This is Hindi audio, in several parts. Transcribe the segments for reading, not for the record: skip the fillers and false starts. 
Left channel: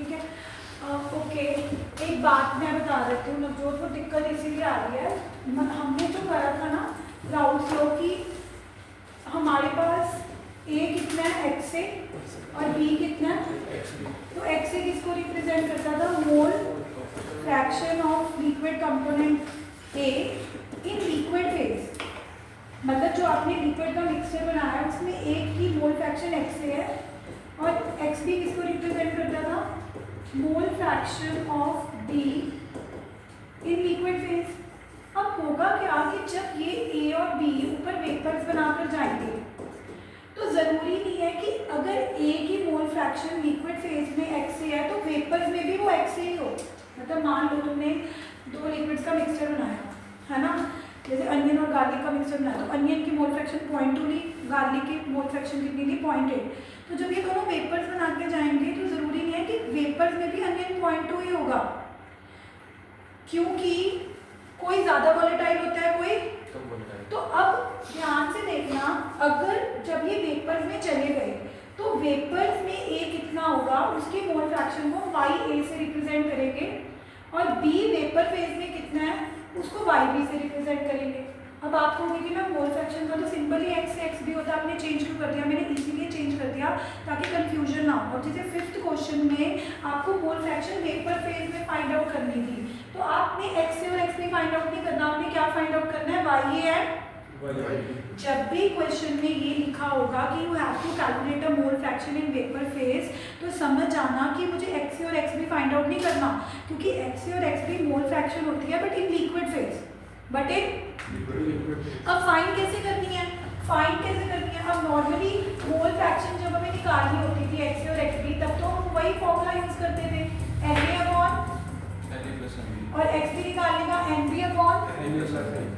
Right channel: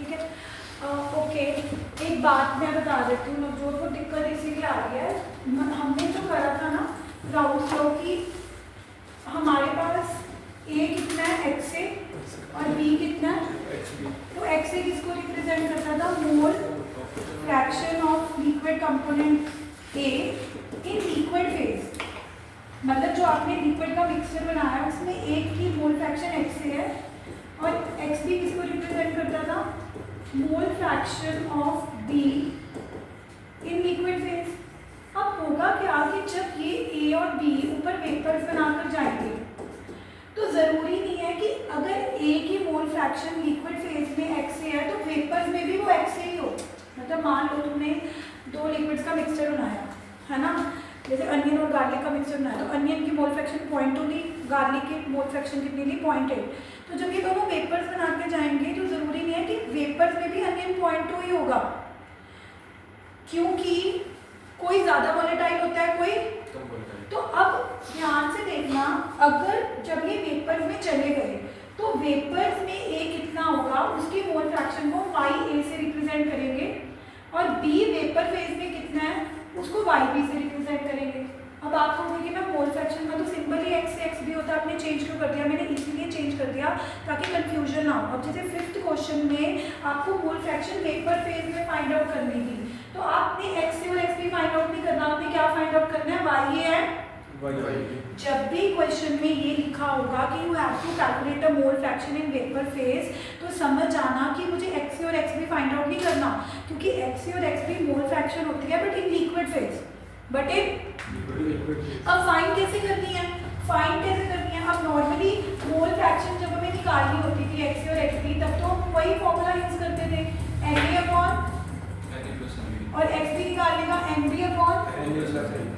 ठीक है। ओके, एक बात मैं बता देती हूँ, नवजोत, वो दिक्कत इसीलिए आ रही है, हमने जो करा था ना राउल्स लॉ की, हमारे पास ए कितना है एक्स ए और बी कितना है, तो एक्स ए किसको रिप्रेजेंट करता था, mole fraction of liquid component A in liquid phase, मतलब जो आपने लिक्विड का मिक्सचर बनाया है उसमें एक की मोल फ्रैक्शन एक्स ए है, और एक्स बी किसको रिप्रेजेंट करता था, mole fraction of be in liquid phase. अब होगा क्या कि जब ये ए और बी ऊपर वेपर्स बनाकर जाएंगे तो जरूरी नहीं है कि अगर ए की मोल फ्रैक्शन लिक्विड फेज में एक्स है तो वेपर्स में भी वो एक्स ही हो। मतलब मान लो तुमने दो लिक्विड्स का मिक्सचर बनाया है ना, जैसे अनियन और गार्लिक का मिक्सचर बनाया, तो अनियन की मोल फ्रैक्शन 0.2 ली, गार्लिक की मोल फ्रैक्शन कितनी ली, 0.8। तो जब ये दोनों वेपर्स बना के जाएंगे तो जरूरी नहीं है कि वेपर्स में भी अनियन 0.2 ही होगा, क्योंकि कोई ज्यादा वोलेटाइल होता है, कोई कम वोलेटाइल। तो अब ध्यान से देखना, अगर जब ये वेपर्स में चले गए तो वेपर्स में ए कितना होगा, उसकी मोल फ्रैक्शन को वाई ए से रिप्रेजेंट करेंगे, और बी वेपर फेज में कितना है उसको वाई बी से रिप्रेजेंट करेंगे। अब आप कहोगे कि ना मोल फ्रैक्शन का तो सिंपल ही एक्स से एक्स बी होता है, आपने चेंज क्यों कर दिया, मैंने इसीलिए चेंज कर दिया ताकि कंफ्यूजन ना हो। अब जैसे 5th क्वेश्चन में आपको मोल फ्रैक्शन वेपर फेज में फाइंड आउट करनी थी, तो आपने एक्स और एक्स बी फाइंड आउट नहीं करना, आपने क्या फाइंड आउट करना है, वाई ए एंड जब भी क्वेश्चन में ये लिखा होगा कि you have to calculate a mole fraction in vapour phase, तो समझ जाना कि मुझे एक्स और एक्स बी फाइंड आउट नहीं करना, क्योंकि एक्स और एक्स बी मोल फ्रैक्शन होती है but in liquid phase, but in अब फाइंड कैसे करनी है, फाइंड कैसे करनी है। अब नॉर्मली मोल फ्रैक्शन जब हमें निकालनी होती थी एक्स और एक्स बी, तब तो हम वही फॉर्मूला यूज करते थे, Na अपॉन और एक्स बी निकालने का Nb अपॉन,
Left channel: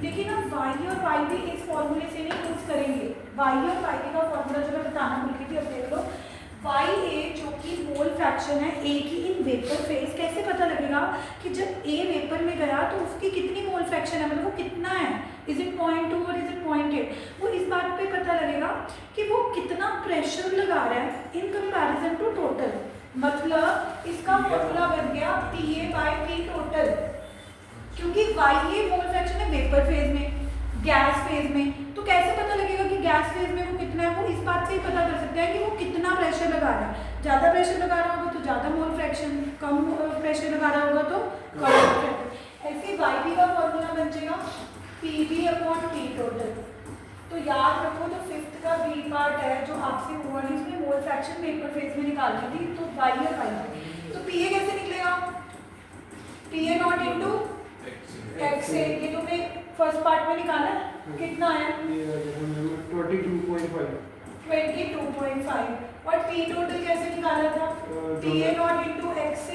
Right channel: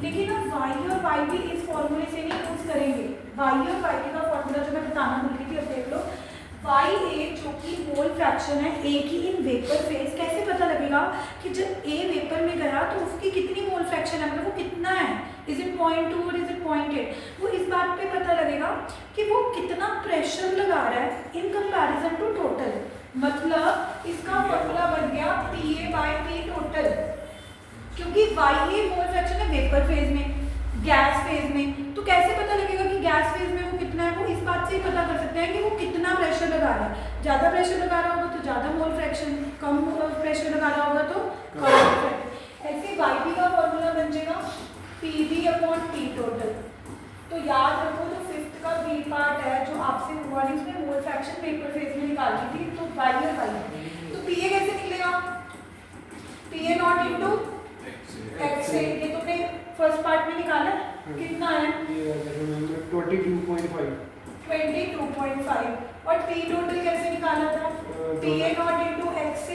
लेकिन अब वाई और वाई भी इस फॉर्मूले से नहीं यूज करेंगे। वाई और वाई का फॉर्मूला जो मैं बताना भूल गई थी, अब देख लो, वाई ए जो कि मोल फ्रैक्शन है ए की इन वेपर फेज, कैसे पता लगेगा कि जब ए वेपर में गया तो उसकी कितनी मोल फ्रैक्शन है, मतलब वो कितना है, इज इट 0.2 और इज इट 0.8, वो इस बात पे पता लगेगा कि वो कितना प्रेशर लगा रहा है इन कंपैरिजन टू टोटल। मतलब इसका फॉर्मूला बन गया P A by P total, क्योंकि वाई ए मोल फ्रैक्शन है वेपर फेज में, गैस फेज में, तो कैसे पता लगेगा कि गैस फेज में वो कितना है, वो इस बात से ही पता कर सकते हैं कि वो कितना प्रेशर लगा रहा है। ज़्यादा प्रेशर लगा रहा होगा तो ज़्यादा मोल फ्रैक्शन, कम प्रेशर लगा रहा होगा तो कम मोल फ्रैक्शन। ऐसे वाई बी का फॉर्मूला बन जाएगा P B upon P total. तो याद रखो जो 5th का बी पार्ट है जो आपसे हुआ नहीं, उसमें मोल फ्रैक्शन वेपर फेज में निकालनी थी, तो वाई और वाई, तो पी ए कैसे निकलेगा, P A not into X A, ये तुमने फर्स्ट पार्ट में निकाला है, कितना है 22.5, और पी टोटल कैसे निकाला था, P A not into X A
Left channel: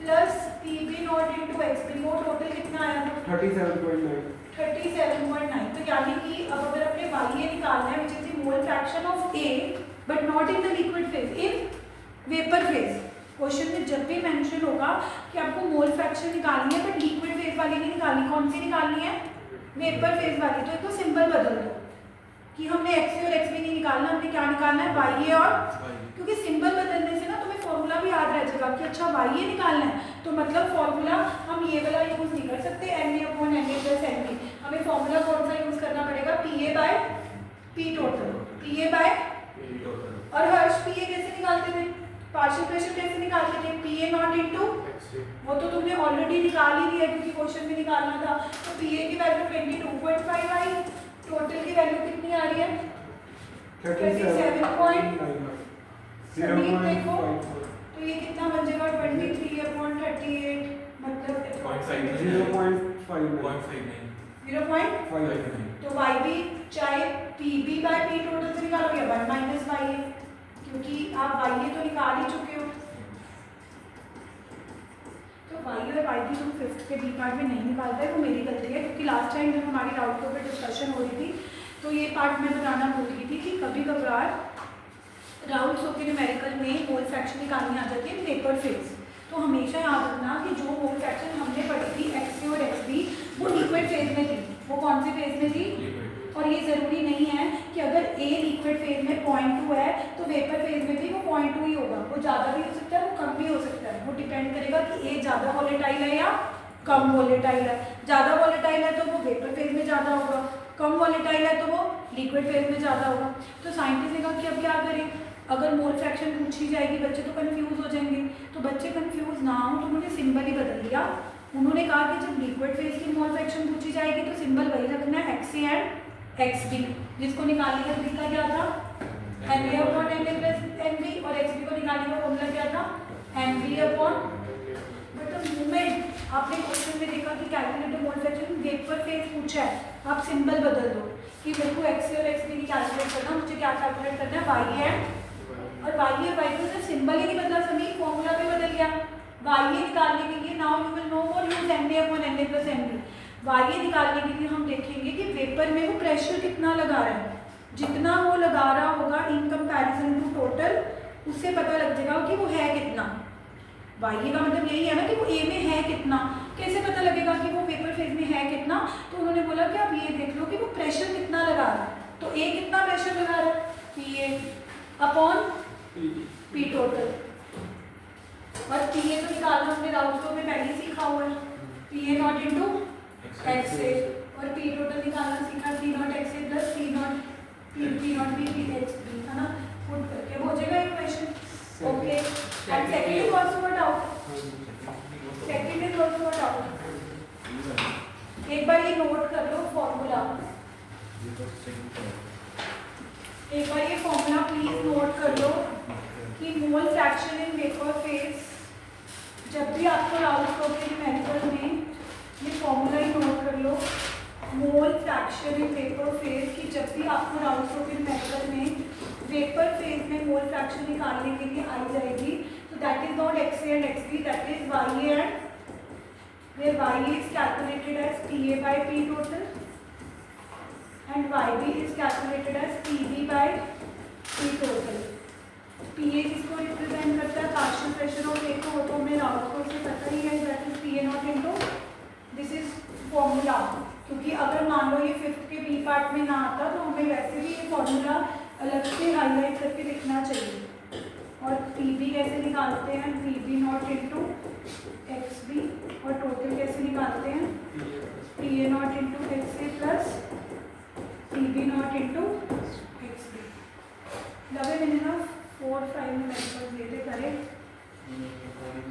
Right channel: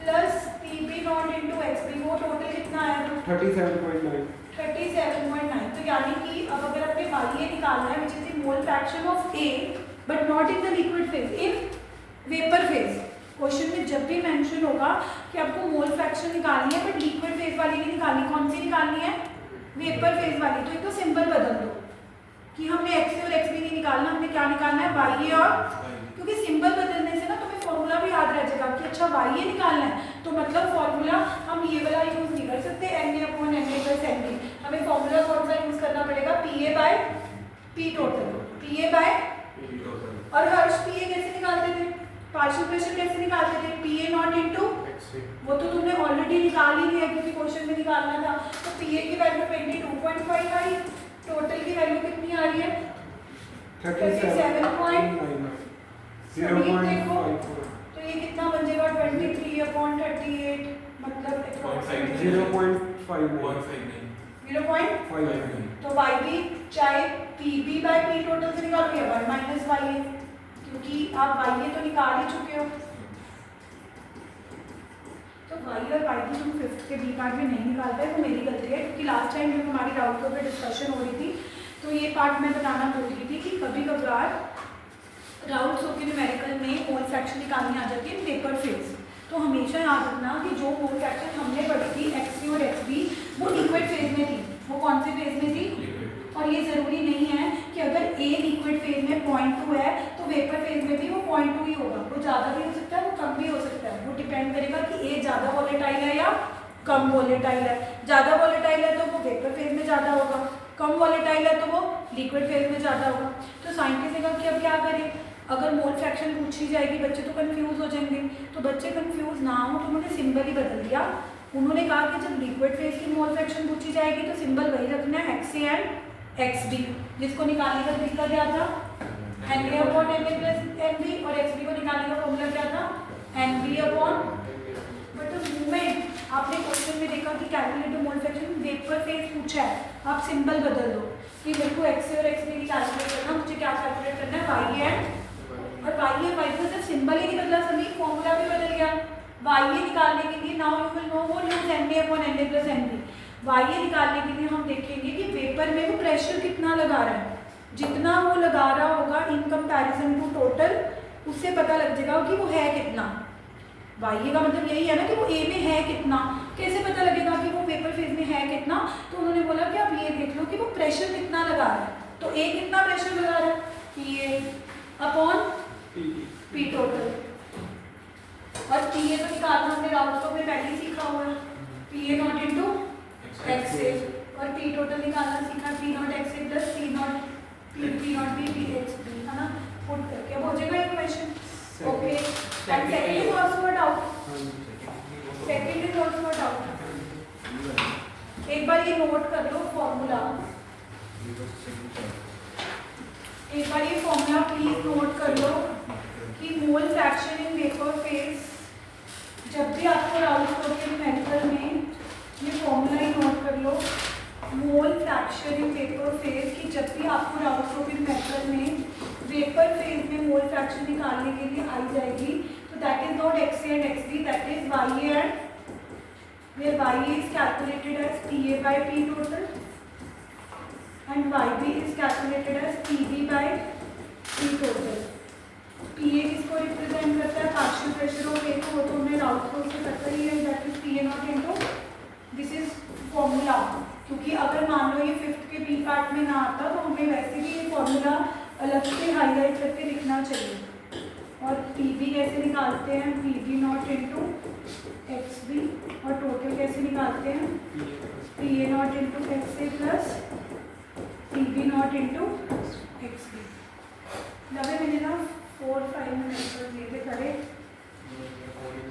plus P B not into X B, वो टोटल कितना आया, 37.9। तो यानी कि अब अगर अपने वाई ए निकालना है, विच is the mole fraction of A but not in the liquid phase, in vapour phase, question में जब भी मेंशन होगा कि आपको मोल फ्रैक्शन निकालनी है बट लिक्विड फेज वाली नहीं निकालनी, कौन सी निकालनी है, वेपर फेज वाली, तो एक तो सिंबल बदल दो कि हमने एक्स और एक्स भी नहीं निकालना, हमने क्या निकालना है, वाई ए, और क्योंकि सिंबल बदलने से ना तुम्हें फॉर्मूला भी याद रह जाएगा कि अच्छा वाई ए निकालना है, तो मतलब फॉर्मूला हम ये वाला यूज नहीं कर सकते N A upon N A plus N B, हमें फॉर्मूला कौन सा यूज करना पड़ेगा, P A by P total, P A by, और हर्ष पी ए कैसे निकालते थे, पार्शियल प्रेशर कैसे निकालते थे, पी ए नॉट इंटू, वो तो तुमने ऑलरेडी निकाल ही लिया क्योंकि क्वेश्चन में निकालना था, तो पी ए की वैल्यू 22.5 आई, टोटल की वैल्यू कितनी आ रही है 37.0, देखो तो ये कितना बन जाएगा 23/38, मतलब 0.59, तो वाई बी चाहे P B by P total से निकालो या 1 माइनस वाई ए, क्योंकि आप वाई ए तो निकाल ही चुके हो, तो वाई और वाई भी तुम 5th के बी पार्ट में नहीं निकाल पाए, वो मेरी गलती है, क्योंकि लास्ट टाइम जब हमारी राउट के ऊपर डिस्कशन हो रही थी तो ये पार्ट मैं बताना भूल रही थी कि कभी कभार राउट सो के न्यूमेरिकल में मोल फ्रैक्शन निकालनी आ जाती है वेपर फेज, तो हमेशा याद रखना कि जो मोल फ्रैक्शन हमने पढ़ी थी एक्स ए और एक्स बी वो लिक्विड फेज में थी, वो कौन से फेज में थी, और ये ज़रूरी नहीं है कि अगर ए लिक्विड फेज में 0.2 है तो वेपर फेज में भी वो 0.2 ही होगा, वो ज़्यादा भी हो सकता है, वो कम भी हो सकता है, वो डिपेंड करेगा कि ए ज़्यादा वॉलेटाइल है या कम वॉलेटाइल है। ज़्यादा वॉलेटाइल है तो वो वेपर फेज में ज़्यादा होगा, कम वॉलेटाइल है तो वो लिक्विड फेज में ज़्यादा होगा। तो साइंटिस्ट ने कहा कि अब क्या करें, अगर मोल फ्रैक्शन पूछी जाएगी बच्चे तो कंफ्यूज हो जाएंगे, तो बच्चे कंफ्यूज ना हो तो उन्होंने सिंबल ही बदल दिया। उन्होंने कहा कि जब लिक्विड फेज की मोल फ्रैक्शन पूछी जाएगी तो सिंबल वही रखना है XA एंड XB, जिसको निकालने का तरीका क्या था NA upon NA plus NB, और XB को निकालने का फॉर्मूला क्या था NB upon. But the moment आपने क्वेश्चन में देखा कि calculate mole fraction vapour phase पूछा है, आप सिंबल बदल दो कि मेरे को XA और XB की कैलकुलेट करना, मुझे क्या कैलकुलेट करना है YA और YA और YB, सिर्फ सिंबल ही नहीं बदला सभी, फॉर्मूला भी बदल गया। YA निकालने के लिए नाउ यू विल नो और use NA upon NA plus NB। YA निकालने के लिए हम देखेंगे कि वेपर में वो प्रेशर कितना लगा रहा है, जितना वो लगा रहा होगा इन कंपैरिजन टू टोटल, उससे पता लग जाएगा कि वो है कितना। YA का मतलब यही है ना कि वो A में है कितना, कैसे पता लगेगा कि वो वेपर फेज में है कितना। तो उन्होंने बोला कि आप ये देख लो कि वो प्रेशर कितना लगा रहा है, तो A कितना प्रेशर लगा रहा है PA अपॉन P टोटल, और PA को निकालना हमने राउंड को में पहले ही सीखा हुआ है, PA नॉट इंटू XA, और P टोटल निकालना सीखा P not XA plus P not B PHB, है ना, पुट करके हो जाएगा equation. Okay, and second is also what out, second is also what out. एक बार ये नोट कर लो फॉर्मूला, एक बार ये फॉर्मूला प्लीज नोट कर लो कि मोल फ्रैक्शन इन वेपर फेज, जब भी आपको राउंड के मेथड में ये फॉर्मूला ही नोट कर लो, mole fraction in vapour phase की जब भी आपको राउंड के मेथड में वेपर फेज में मोल फ्रैक्शन निकालने के लिए आई जाएगी, तो that is not XA and XB, that is YA and where YA is calculated as PA by P total and YB is calculated as PB by P total। PA किसको रिप्रेजेंट करता है, पार्शियल प्रेशर ऑफ A को, तो हमने राउंड को से पता ही है, that is PA not into, this is formula. क्योंकि अगर मान लो ये फिफ्थ के बी पार्ट में ना आता तो हमें वैसे भी ये फॉर्मूला अलग से हाईलाइट करके लिखना चाहिए। और PB कैसे निकालते हैं, PB नॉट इंटू XB, और टोटल कैसे निकालते हैं PA not into XA plus PB not into XB। लगे मैंने ना 4-5 मिनट दिए थे करे,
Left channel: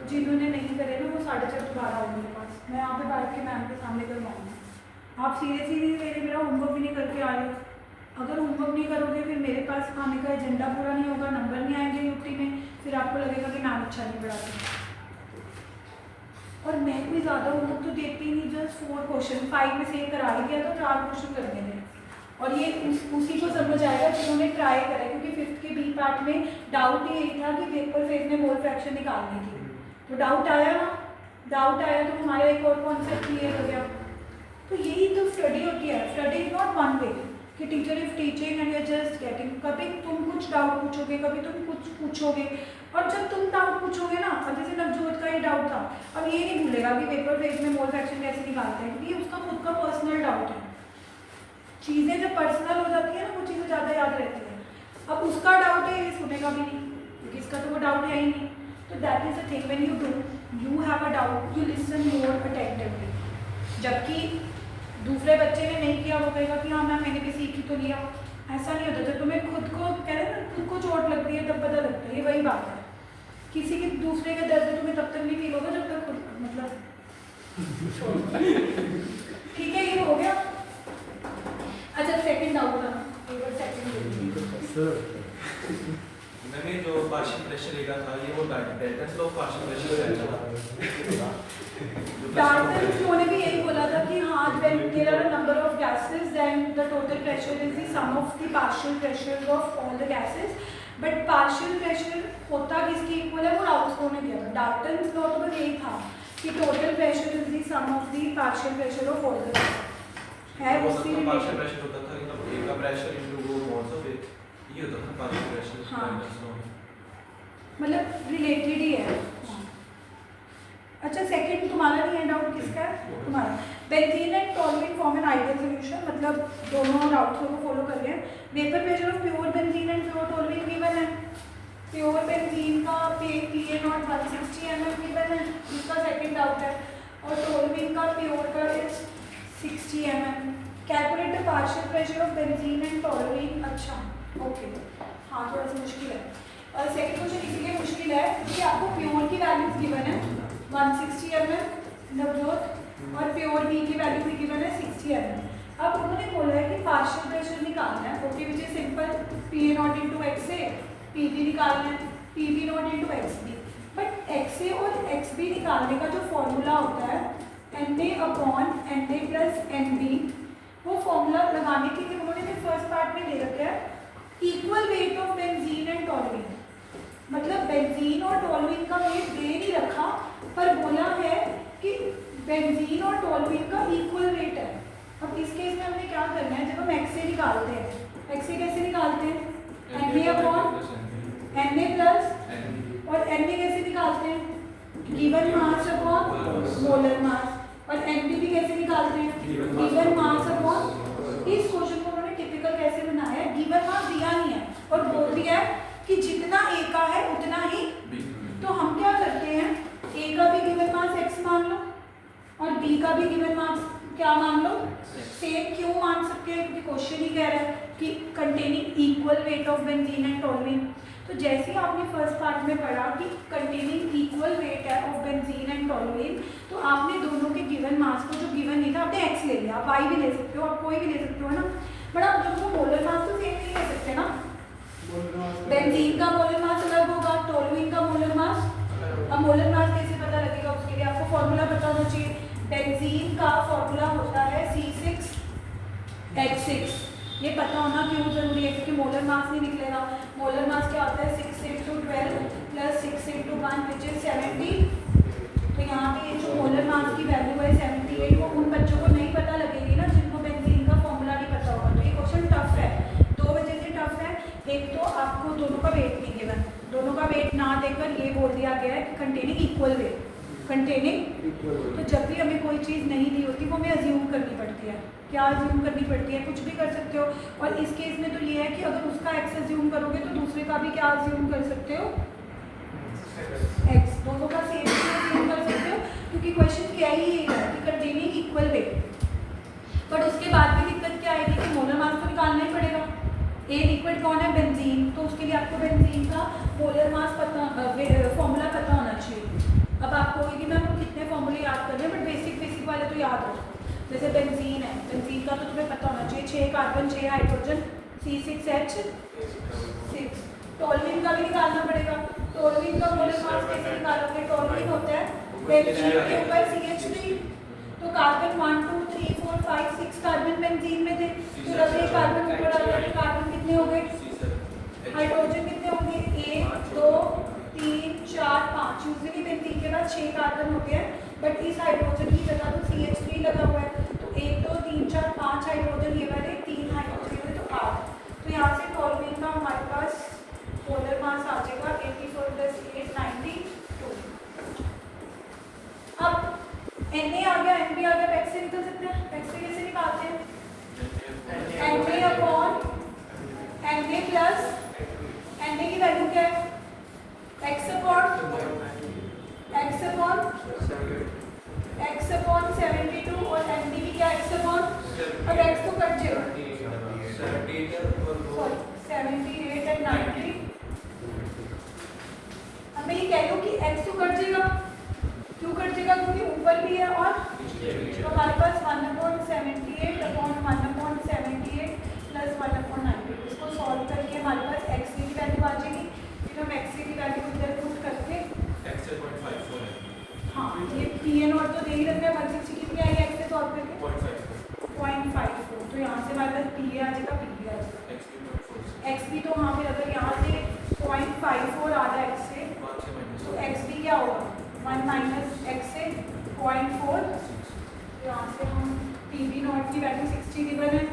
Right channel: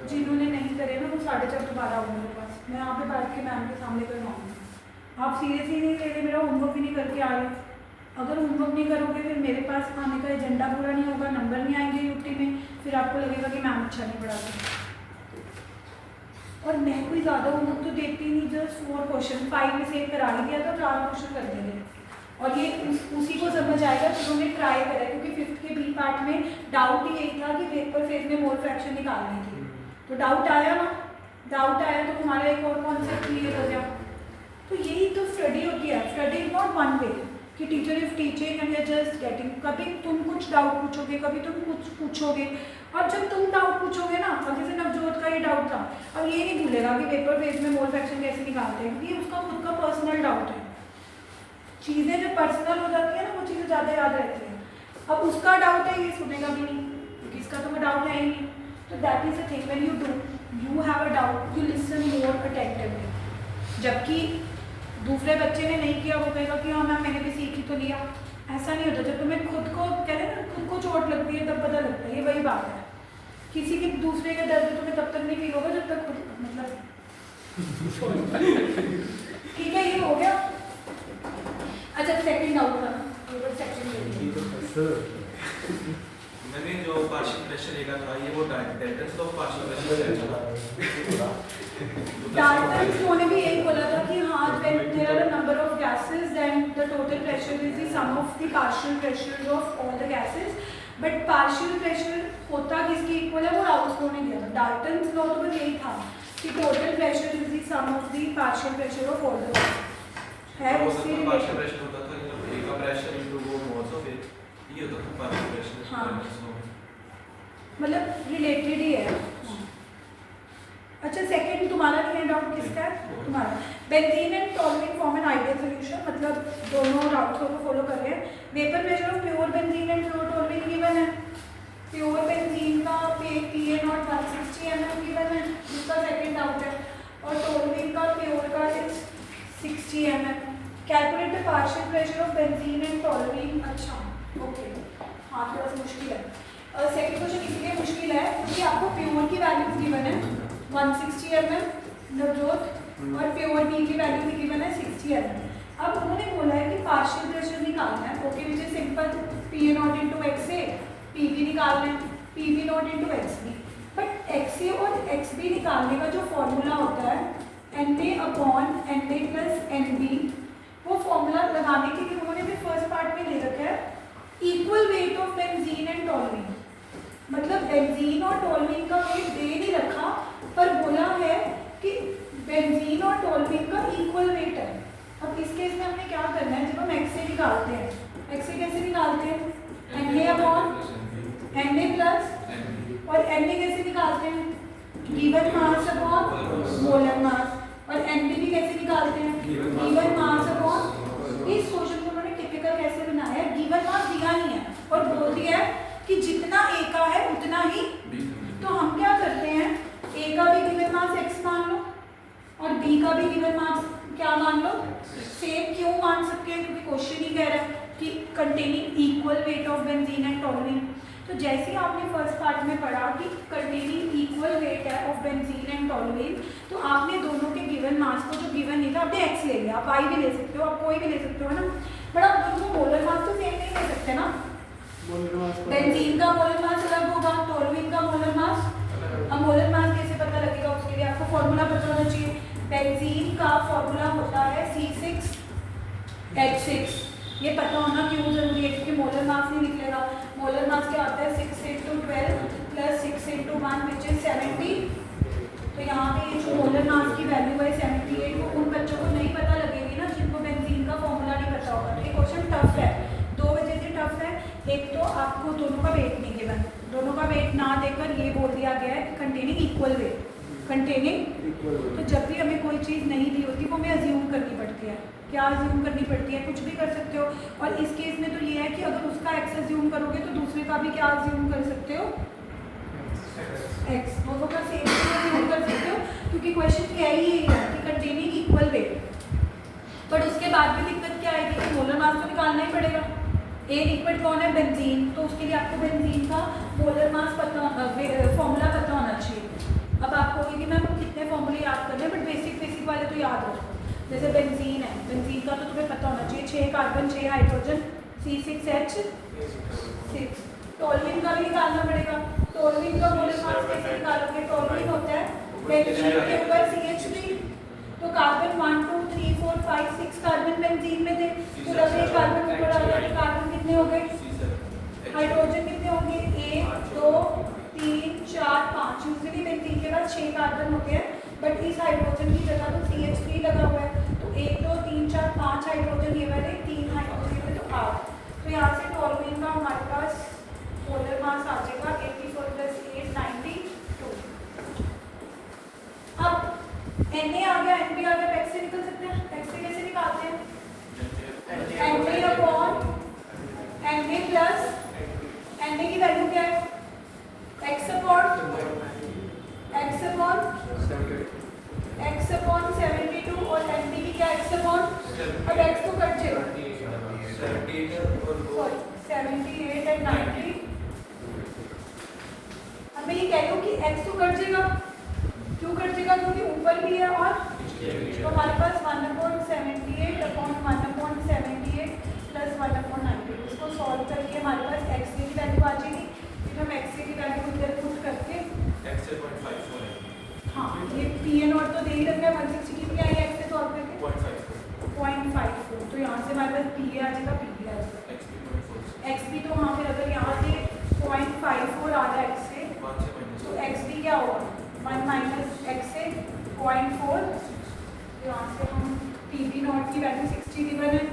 जिन्होंने नहीं करे ना वो 4:30 दोबारा आओ मेरे पास, मैं यहाँ पे बैठ के मैम के सामने करवाऊँगी। आप सीरियसली नहीं ले रहे, मेरा होमवर्क भी नहीं करके आ रहे। अगर होमवर्क नहीं करोगे फिर मेरे पास आने का एजेंडा पूरा नहीं होगा, नंबर नहीं आएंगे यूटी में, फिर आपको लगेगा कि मैम अच्छा नहीं पढ़ाती। और मैं कोई ज़्यादा होमवर्क तो देती नहीं, जस्ट 4 क्वेश्चन 5 में से एक करा ही दिया तो 4 क्वेश्चन कर दे रहे। और ये उसी को समझ आएगा जिन्होंने ट्राई करा है, क्योंकि फिफ्थ के बी पार्ट में डाउट ही यही था कि वेपर फेज में मोल फ्रैक्शन निकालने की, तो डाउट आया ना, डाउट आया तो हमारा एक और कॉन्सेप्ट क्लियर हो गया। तो यही तो स्टडी होती है, study is not one way कि teacher is teaching and you are just getting, कभी तुम कुछ डाउट पूछोगे, कभी तुम कुछ पूछोगे, और जब तुम डाउट पूछोगे ना, अब जैसे नवजोत का ये डाउट था, अब ये नहीं भूलेगा कि वेपर फेज में मोल फ्रैक्शन कैसे निकालते हैं, क्योंकि उसका खुद का पर्सनल डाउट है। चीज़ें जब पर्सनल हो जाती है ना, वो चीज़ें ज़्यादा याद रहती हैं। अब उसका डाउट है, ये सुनेगा भी नहीं, क्योंकि इसका तो वो डाउट है ही नहीं। तो that is the thing, when you have a doubt, you listen more attentively. जबकि दूसरे बच्चे ने नहीं किया, वो कहेगा कि हाँ मैम मैंने भी सीख ही तो लिया। ऐसा नहीं होता, जब तुम्हें खुद को कहते हैं ना, खुद को चोट लगती है तब पता लगता है, ये वही बात है। किसी के दूसरे के दर्द तुम्हें तब तक नहीं फील होगा जब तक खुद, मतलब ठीक है, ये हो गया। अच्छा सेकंड डाउट था, मैंने जो पार्शियल प्रेशर लेगा था ये वो Dalton's law of partial pressure है। डाल्टन्स लॉ ने भी यही बोला था कि हाँ, when there are a number of gases then the total pressure is the sum of the partial pressures of all the gases, but partial pressure होता किसके इक्वल है, वो राउल्स लॉ ने दिया था। डाल्टन्स लॉ तो बस यही था कि total pressure is the sum of the partial pressure of all the gases है, उसी पार्शियल प्रेशर होता था, मतलब ए का प्रेशर इनटू वो मोल्स ऑफ ए, ये होता था पार्शियल प्रेशर। हाँ, मतलब रिलेटेड ही है। अच्छा सेकंड तुम्हारा नहीं है डाउट, किसका है तुम्हारा? Benzene and toluene form an ideal solution, मतलब दोनों राउट्स को फॉलो कर रहे हैं। Vapour pressure of pure benzene and pure toluene given है। प्योर बेंजीन का PA not 160 ml given 60 mm. Calculate the partial pressure of benzene and toluene. अच्छा ओके, हाँ थोड़ा सा मुश्किल है. सेकंड क्वेश्चन इसलिए मुश्किल है क्योंकि आपको प्योर की वैल्यूज गिवन है 160 mm नवजोत, और प्योर बी की वैल्यू भी गिवन है 60 mm. अब उन्होंने बोला है कि पार्शियल प्रेशर निकालना है. Okay which is simple, P A not into X A, P B निकालना है, P B not into X B. But X A और एक्स बी निकालने का जो फॉर्मूला होता है N A upon N A plus N B, वो फॉर्मूला लगाने के लिए उन्होंने भी फर्स्ट पार्ट में ले रखा है equal weight of benzene and toluene. मतलब बेंजीन और टॉलुइन का वेट दे नहीं रखा, पर बोला है कि बेंजीन और टॉलुइन का इक्वल वेट है. अब इस केस में हमें क्या करना है, जब हम एक्स ए निकालते हैं, एक्स ए कैसे निकालते हैं, n A upon N A plus, और एन ए कैसे निकालते हैं, given mass upon molar mass, और एन बी भी कैसे निकालते हैं, गिवन मास अपॉन. इस क्वेश्चन को उन्होंने टिपिकल कैसे बनाया है, गिवन मास दिया नहीं है और बोल दिया है कि जितना ए का है उतना ही. तो हम क्या करते हैं, ए का भी गिवन मास एक्स मान लो और बी का भी गिवन मास क्या मान लो, सेम. क्यों मान सकते हैं, क्योंकि क्वेश्चन ही कह रहा है कि containing equal weight of benzene and toluene. तो जैसे ही आपने फर्स्ट पार्ट में पढ़ा कि कंटेनिंग इक्वल वेट है ऑफ बेंजीन एंड टॉलुइन, तो आपने दोनों के गिवन मास को, जो गिवन नहीं था, आपने एक्स ले लिया. आप वाई भी ले सकते हो, आप कोई भी ले सकते हो, है ना. बट आप दोनों को मोलर मास तो सेम नहीं ले सकते ना. बेंजीन का मोलर मास अलग होगा, टॉलुइन का मोलर मास. अब मोलर मास कैसे पता लगेगा, उसके लिए आपको फॉर्मूला पता होना चाहिए. बेंजीन का फॉर्मूला होता है C6H6. ये पता होना क्यों जरूरी है, क्योंकि मोलर मास नहीं निकलेगा. मोलर मास क्या होता है, 6 into 12 plus 6 into 1 which is 70. तो यहाँ पे जो मोलर मास की वैल्यू है 78, वो उन बच्चों को नहीं पता लगेगी ना जिनको बेंजीन का फॉर्मूला नहीं पता होगा. तो ये क्वेश्चन टफ है, दो वजह से टफ है. एक तो आपको दोनों का वेट नहीं गिवन, दोनों का वेट ना देकर ये बोल दिया गया है कंटेनिंग इक्वल वेट, कंटेनिंग. तो जब भी हमें कोई चीज़ नहीं दी होती वो हमें अज्यूम करनी पड़ती है. क्या अज्यूम करनी पड़ती है, कुछ भी कर सकते हो. और इस केस में तो ये है कि अगर उसका एक्स अज्यूम करोगे तो दूसरे का भी क्या अज्यूम कर सकते हो, एक्स. दोनों का सेम अज्यूम कर सकते हो, क्योंकि क्वेश्चन क्या ही है कि कंटेनिंग इक्वल वेट. बट उसके बाद भी दिक्कत क्या आएगी कि मोलर मास तो निकालना ही पड़ेगा. ए लिक्विड कौन है, बेंजीन. तो उसके लिए आपको बेंजीन का मोलर मास पता, फॉर्मूला पता होना चाहिए. अब आपको ये भी मैम कितने फॉर्मूले याद करने हैं, बट बेसिक वाले तो याद रखो. जैसे बेंजीन है, बेंजीन का तो तुम्हें पता होना चाहिए, 6 कार्बन 6 हाइड्रोजन, C6H6. टॉलुइन का भी निकालना पड़ेगा. टॉलुइन का मोलर मास कैसे निकालोगे, टॉलुइन होता है बेंजीन के ऊपर CH3. तो कार्बन 1 2 3 4 5 6 कार्बन बेंजीन में थे, तो जब एक कार्बन ऊपर आ गया तो कार्बन कितने हो गए, हाइड्रोजन कितने होंगे, 1 2 3 4 5. यूजली बेंजीन के बाद 6 कार्बन होते हैं, बट इस हाइड्रोजन की जगह तो CH3 लगा हुआ है. तो 1 2 3 4 5 हाइड्रोजन ये वाले, 3 हाइड्रोजन ये वाले, तो 8. तो यहाँ से टॉलुइन का हमारे पास मोलर मास आ जाएगा 84 + 8 92. अब Na आ गया, Nb आ गया, टैक्स से निकल सकते हैं. टैक्स से कैसे निकालते हैं, Na upon Na plus Na की वैल्यू क्या है, x अपॉन 72, और Nb भी क्या x अपॉन, और x को कट जाएगा 78 and 90. अब मैं ये कह रही हूँ कि x को कट जाएगा, क्यों कट जाएगा, क्योंकि ऊपर भी है और. तो हमारे पास 1/78 अपॉन 1/78 प्लस 1/90. इसको सॉल्व करके हमारे पास x की वैल्यू आ जाएगी. फिर हम x की वैल्यू इधर पुट करके हाँ, ये Pn और तो दे ही रखा है, 160 कितनी आई x से सॉल्व करके 0.54. तो यहाँ से हमारे पास Pa आ जाएगा, Pb आ जाएगा. xb तो हाँ, फिर अगर यहाँ से 0.54 आ रहा है x से, तो xb क्या होगा, 1 - x से 0.4. यहाँ से हम Pb नॉट की वैल्यू 60 गिवन है,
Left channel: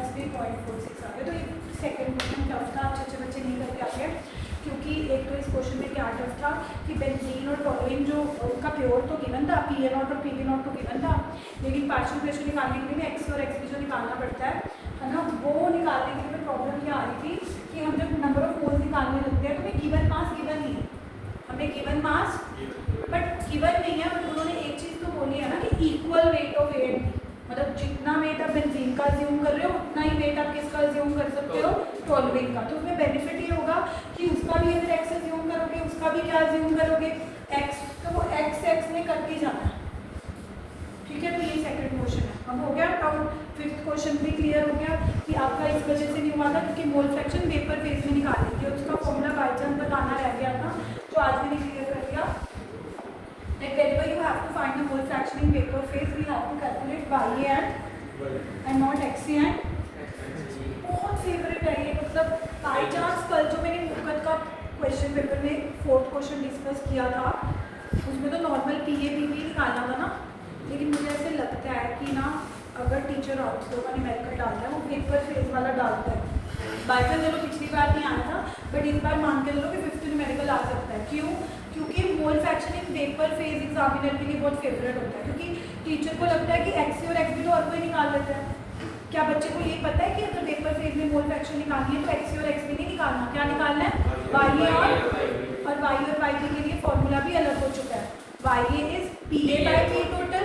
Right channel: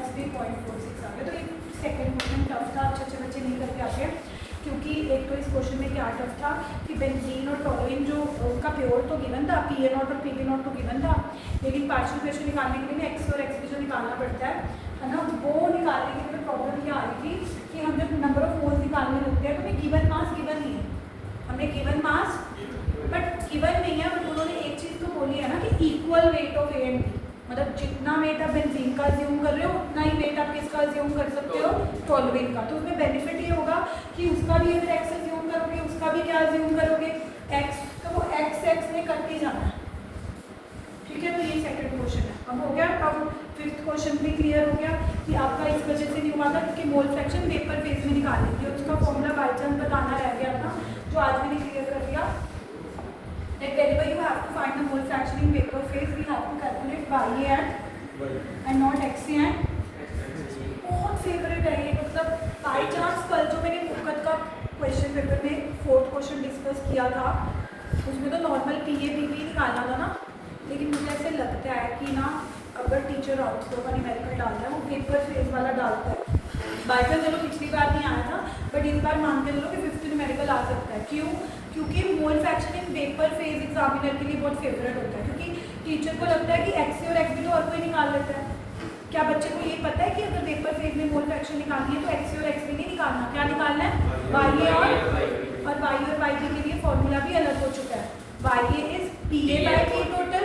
xb 0.46 आ गया. तो एक सेकेंड क्वेश्चन टफ था, अच्छे बच्चे नहीं करके आते हैं, क्योंकि एक तो इस क्वेश्चन में क्या टफ था कि बेंजीन और टॉलुइन जो उनका प्योर तो गिवन था, Pn और Pb नॉट तो गिवन था, लेकिन पार्शियल प्रेशर निकालने के लिए एक्स और एक्स जो निकालना पड़ता है ना, वो निकालने के लिए प्रॉब्लम क्या आ रही थी कि हमें नंबर ऑफ मोल्स निकालने लगते हैं. तो हमें गिवन मास गिवन नहीं है, हमने गिवन मास बट गिवन नहीं है. बट उन्होंने एक चीज़ तो बोली है ना कि equal weight of A and B. मतलब जितना वेट आप बेंजीन का अज्यूम कर रहे हो उतना ही वेट आप किसका अज्यूम कर सकते हो, टोलुइन का। तो उसमें बेनिफिट ये होगा कि उसका भी अगर एक्स अज्यूम करोगे उसका भी क्या अज्यूम करोगे, एक्स, तो वो एक्स में करके जाना है। ठीक है, तो ये सेकंड क्वेश्चन है। अब हो गया। और फिफ्थ क्वेश्चन भी क्लियर हो गया कि आपका इस वजह से नहीं हुआ था क्योंकि मोल फ्रैक्शन वेपर फेज में निकाल ली थी और उसका फॉर्मूला बाई चांस बताना रह गया था जो आज मैंने क्लियर कर दिया। Whenever you have to find the mole fraction in vapor phase, we have to calculate YA and not XA and बहुत फेवरेट है ये। मतलब बाई चांस कल जो मैंने मुकत का क्वेश्चन पेपर में फोर्थ क्वेश्चन डिस्कस किया था उसमें तो नॉर्मल PA PB निकालना था ना, लेकिन मुझे ऐसे लगता है कि ना अगर टीचर ऑप्शन का न्यूमेरिकल डालता है वो वेपर फेज वाला डालता है। बाई चांस चलो पिछली बार नहीं आया था बट इस बार मान के चलो कि 50 न्यूमेरिकल आ सकता है। क्यों? क्योंकि मोल fraction in vapour phase examiner के लिए बहुत फेवरेट होता है क्योंकि टीचर को लगता है कि एक्स और एक्स भी तो और कोई निकाल लेता है। क्या बच्चे को ये पता है कि अगर वेपर फेज में मोल फ्रैक्शन निकालनी है तो एक्स और एक्स भी नहीं निकालना, क्या निकालना है, वाई और वाई के लिए फॉर्मूला भी अलग हो चुका है। Y is PA/T total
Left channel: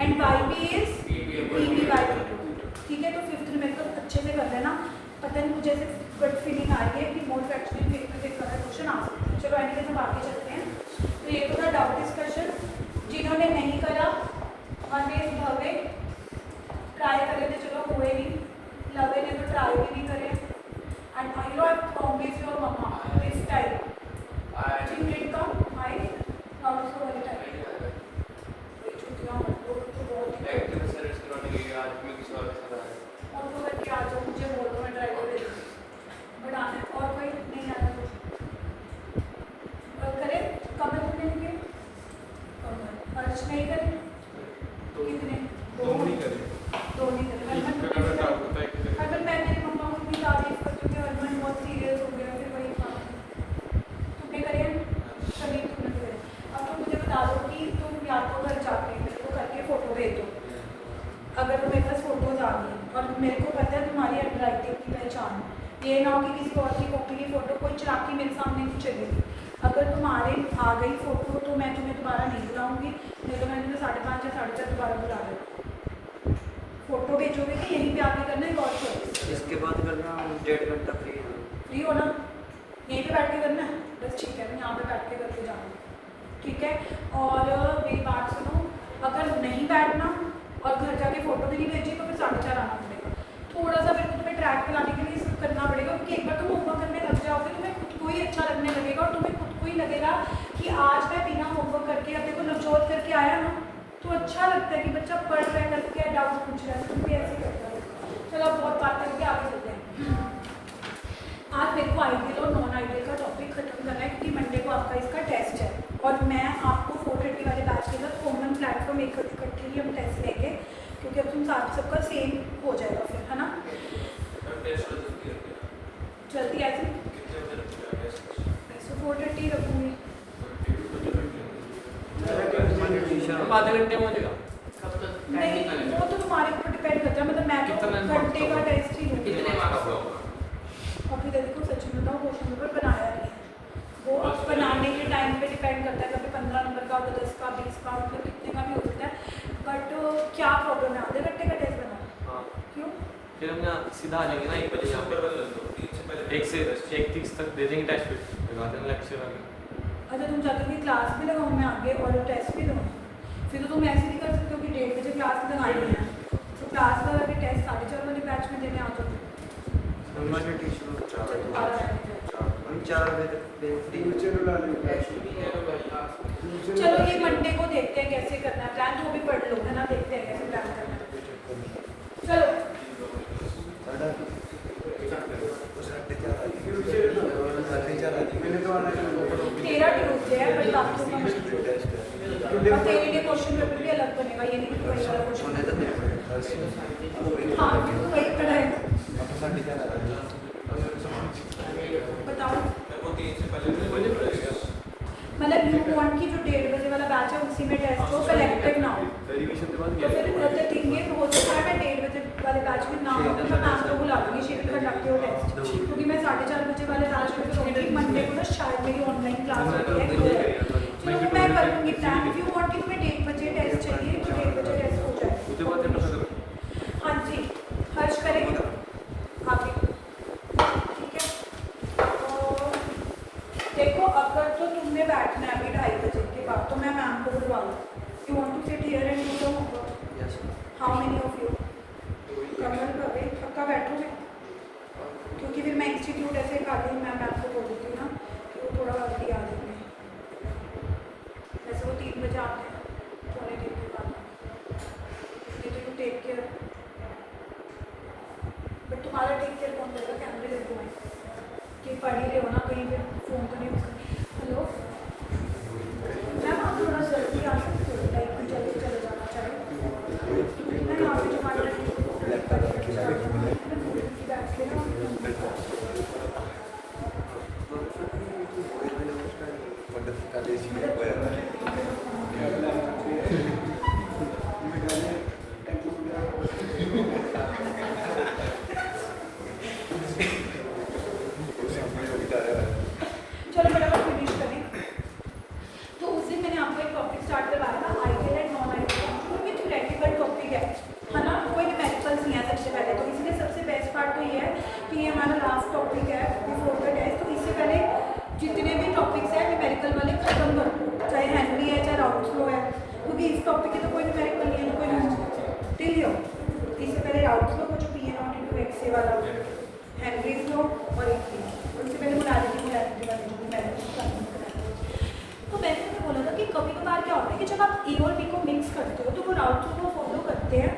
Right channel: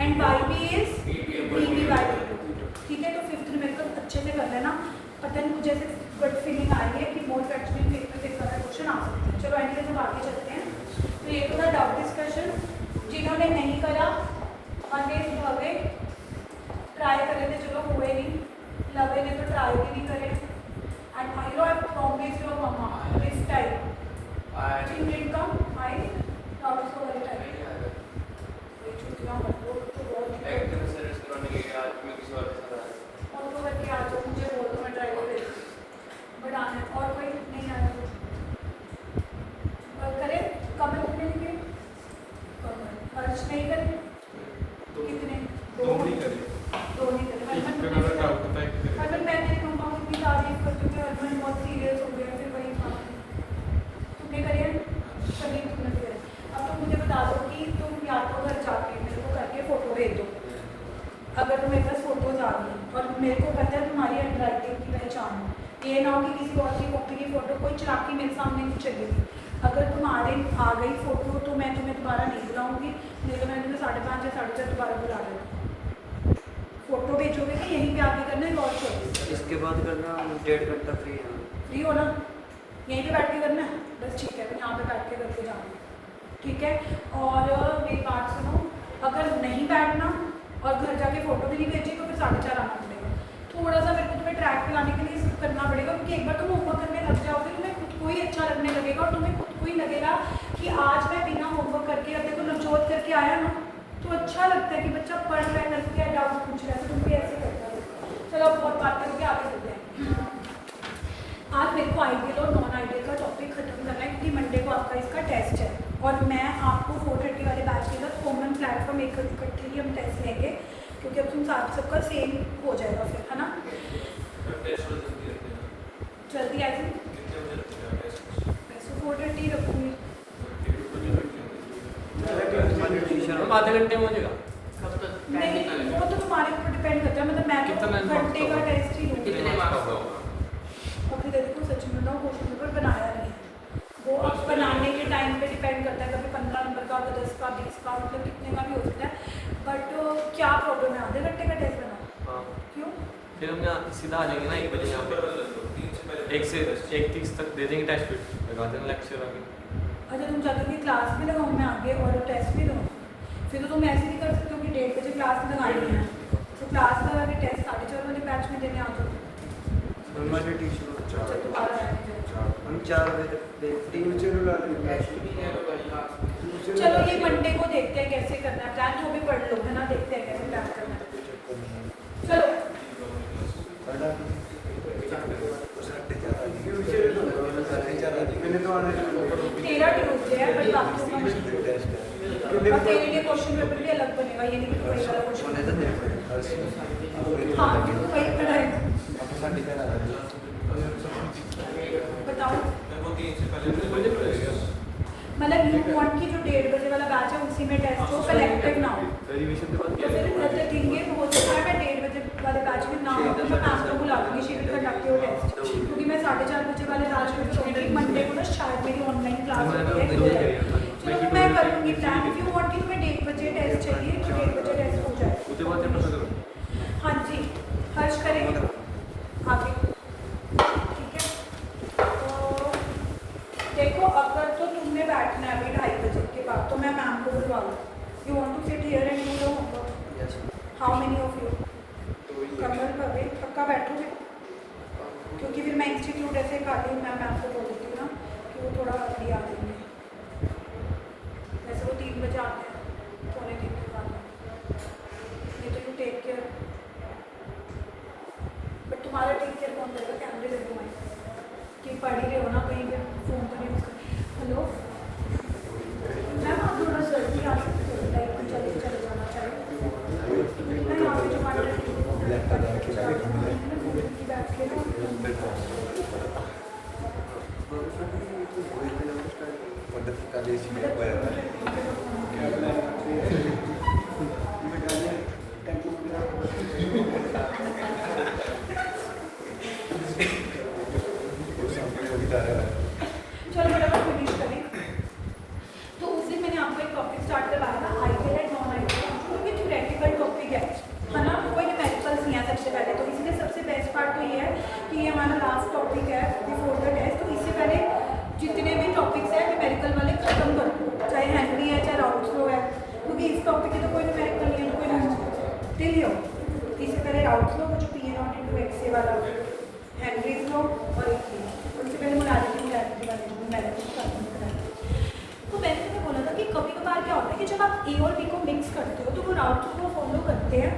and YB is PB/T total. ठीक है, तो फिफ्थ न्यूमेरिकल अच्छे से कर लेना। पता नहीं मुझे ऐसे गट फीलिंग आ रही है कि मोल फ्रैक्शन इन वेपर फेज वाला क्वेश्चन आ सकता है। चलो एंड हम आगे चलते हैं। तो ये तो था डाउट डिस्कशन। जिन्होंने नहीं करा ऑलवेज भवे ट्राई करे थे, चलो हुए नहीं, लवे ने तो ट्राई भी नहीं करे। And I know I promise your mama this time जी विल कम आई नॉट उसको वाले टाइम छुट्टियां मत लो तो बहुत और तो करके आ जाओ, मुझे बोल दो मैं ट्राई कर बट आने और कोई नहीं आया करे कमर कितने दिए, खर्च नहीं करे कितने, दो नहीं करे अगर मैं तेरी मम्मा को इतनी तारीफ करती हूँ कि हस्बैंड बहुत सीरियस हो गया फिर वही काम तुमने करे कभी तुमने करे। अब तुम मुझे बता दो कि तुम या तो घर जाके मेरे को करके फ़ोटो भेज दो अगर तुम्हें पास फोटोज आ गई और मेरे को पता है तुम्हारी हैंडराइटिंग की पहचान, ये ना कि किसी और की कॉपी की फ़ोटो कोई चलाकी मेरे सामने नहीं चलेगी। अगर तुम्हारे आ गई फ़ोटो तो मैं तुम्हें दोबारा नहीं बुलाऊंगी, नहीं तो मैं तुम्हें 5:30 या 4:30 दोबारा बुला देगा। फोटो भेजोगे तो यहीं पे आके करना है गौर से, इसके बाद करना 1.5 घंटा फ्री हो ना, यहीं पे बैठ के करना है बस। ठीक है, मैं यहाँ पे बैठ के करके जाऊँगी। ठीक है, और मेरी बात सुनो, अगर नहीं बैठना और घर जाके फ़ोटो भी नहीं भेजी तो फिर 4:30 आना पड़ेगा। थोड़ा सा मेरे को तुम्हें ट्रैक पे लाने के लिए सब करना पड़ेगा क्योंकि एक बार तुम होमवर्क करने लग जाओगे तुम्हें खुद को ही अच्छा लगने लगेगा और तुम्हें खुद को ही लगेगा कि आज मैं बिना होमवर्क करके अब देखो नवजोत करके आया ना तो अच्छा लगता है कि बच्चा पढ़ रहा है करके डाउट पूछ रहा है, तुम भी ऐसे ही करता है। चलो अब बहुत बात करके आगे चलते हैं। आज मेरे को आइडियल और नॉन आइडियल का टॉपिक खत्म करना है क्योंकि मंडे को आपका इसका टेस्ट है और मैं आपको 4:30 वाले बैच के साथ कॉमन प्लेटफॉर्म एक इकट्ठे ही हम टेस्ट लेंगे क्योंकि अब तुम साथ सबका सेम हो जाएगा फिर, है ना। जल्दी आई थी वैसे 4:30 रखूँगी। नहीं वो तो तुम्हारे ऊपर डिपेंड करता है, मतलब मैं तो घंटे का टेस्ट ही लूँगी। और फिर देखो सच में बताऊँ क्वेश्चन पेपर बनाया नहीं है, वो बनाने के टाइम पे डिपेंड करता है, कभी 15 नंबर का होगा, 10 का, 20 का, मतलब कितने का भी हो सकता है। बट क्या प्रॉब्लम है, आधे घंटे का टेस्ट बना क्यों? फिर हम सीधा आ जाएंगे ना 1 बजे 1 से 1:30 तक दे देंगे टेस्ट, फिर लगा देंगे लेक्चर आगे। अच्छा तुम चाहते हो कि क्लास भी लगाऊँ मैं आगे और टेस्ट भी दूँ? फिर तो तुम ऐसे नहीं कर सकते हो कि 1:30 बजे क्लास लगानी है तो क्लास लगा के टेस्ट 4:30 वाले बैच में देने आ जाओ। हमारे टीचर हम 4 बजे तक 3 चलो ये मंडे को देखते हैं कैसे करना है प्लान, तो भी पढ़ लो है ना, देखते हैं कैसे प्लान करना है। चलो तेरा ट्यूसडे है पर बाकियों का और तेरे लिए क्वेश्चन पेपर भी अलग बनेगा, ये नहीं कि वही वाला क्वेश्चन। हाँ तो वही पढ़ा है, बताओ मतलब यू वांट की जो 1:30 बजे वाला बैच है उसी में टेस्ट हो, कलेक्टिव ना हो। तो फिर थिंग ये हो सकता है मैं 1:30 बजे वाले बैच में ना हो तो मैं मैम को बुला दूँगी, she will conduct your test, क्योंकि मैं 4:30 बजे वाले बैच में सोऊंगी। मंडे को ना शायद मेरी ऑनलाइन क्लास होती है, चलो वो मैं करूँगी प्लान। इफ यू वांट कि तुम्हें 1:30 बजे टेस्ट चाहिए तो 1:30 बजे टेस्ट हो जाए। बैठना है अभी 2:30 बजे के बाद, तो मैं मैम को बुलवा लूँ। You want to sit here and do your homework? Yes how many of you? Kamal Bhave पक्का बैठोगे? क्योंकि फिर मैं इंस्टीट्यूट ऐसे खाली मैं मैम को बोल देती हूँ ना कि वो थोड़ा अर्ली आ जाएंगे। वैसे वो 3 बजे आते हैं, 2:45 बजे आते हैं। नहीं तो यू टेक केयर। बट तुम्हारा टेक केयर कौन करेगा? कैमरे लगे हुए हैं कि पढ़ ही रहे हो ना, कहीं पे फ़ोन तो नहीं यूज़ कर। हेलो मैम, आप थोड़ा जल्दी आ सकते हो? लाइक जल्दी चले जाना चाहिए। मैं यहाँ पे जमा बैठ के चलो फटाफट फिनिश करें। तो उस दिन मैंने आपको एक टॉपिक स्टार्ट करवाया था, आइडियल एंड नॉन आइडियल, क्योंकि थ्योरेटिकल टॉपिक है ना, कोई न्यूमेरिकल्स नहीं है सबसे पहले। तो इसलिए सबसे बेस्ट पार्ट तो ये है कि ये हमारा लास्ट टॉपिक है बिफोर द टेस्ट। तो इससे पहले जितने भी टॉपिक्स हैं न्यूमेरिकल वाले खत्म कर दो, चाहे हेनरी है चाहे राउल्ट्स है, क्योंकि इस टॉपिक की तो कोई न्यूमेरिकल नहीं है, कोई नहीं टिल हो। इससे पहले राउल्ट्स लो, कुछ पी नॉट इंटू एक्स ए वाला, हेनरीज लो और एक उनसे पहले मुलाजिम तो मैंने तुम्हें बोला था कि कभी कभार क्या होता है कि जब आप ए और बी को मिक्स करते हो तो वो राउल्ट्स को फॉलो करते हैं,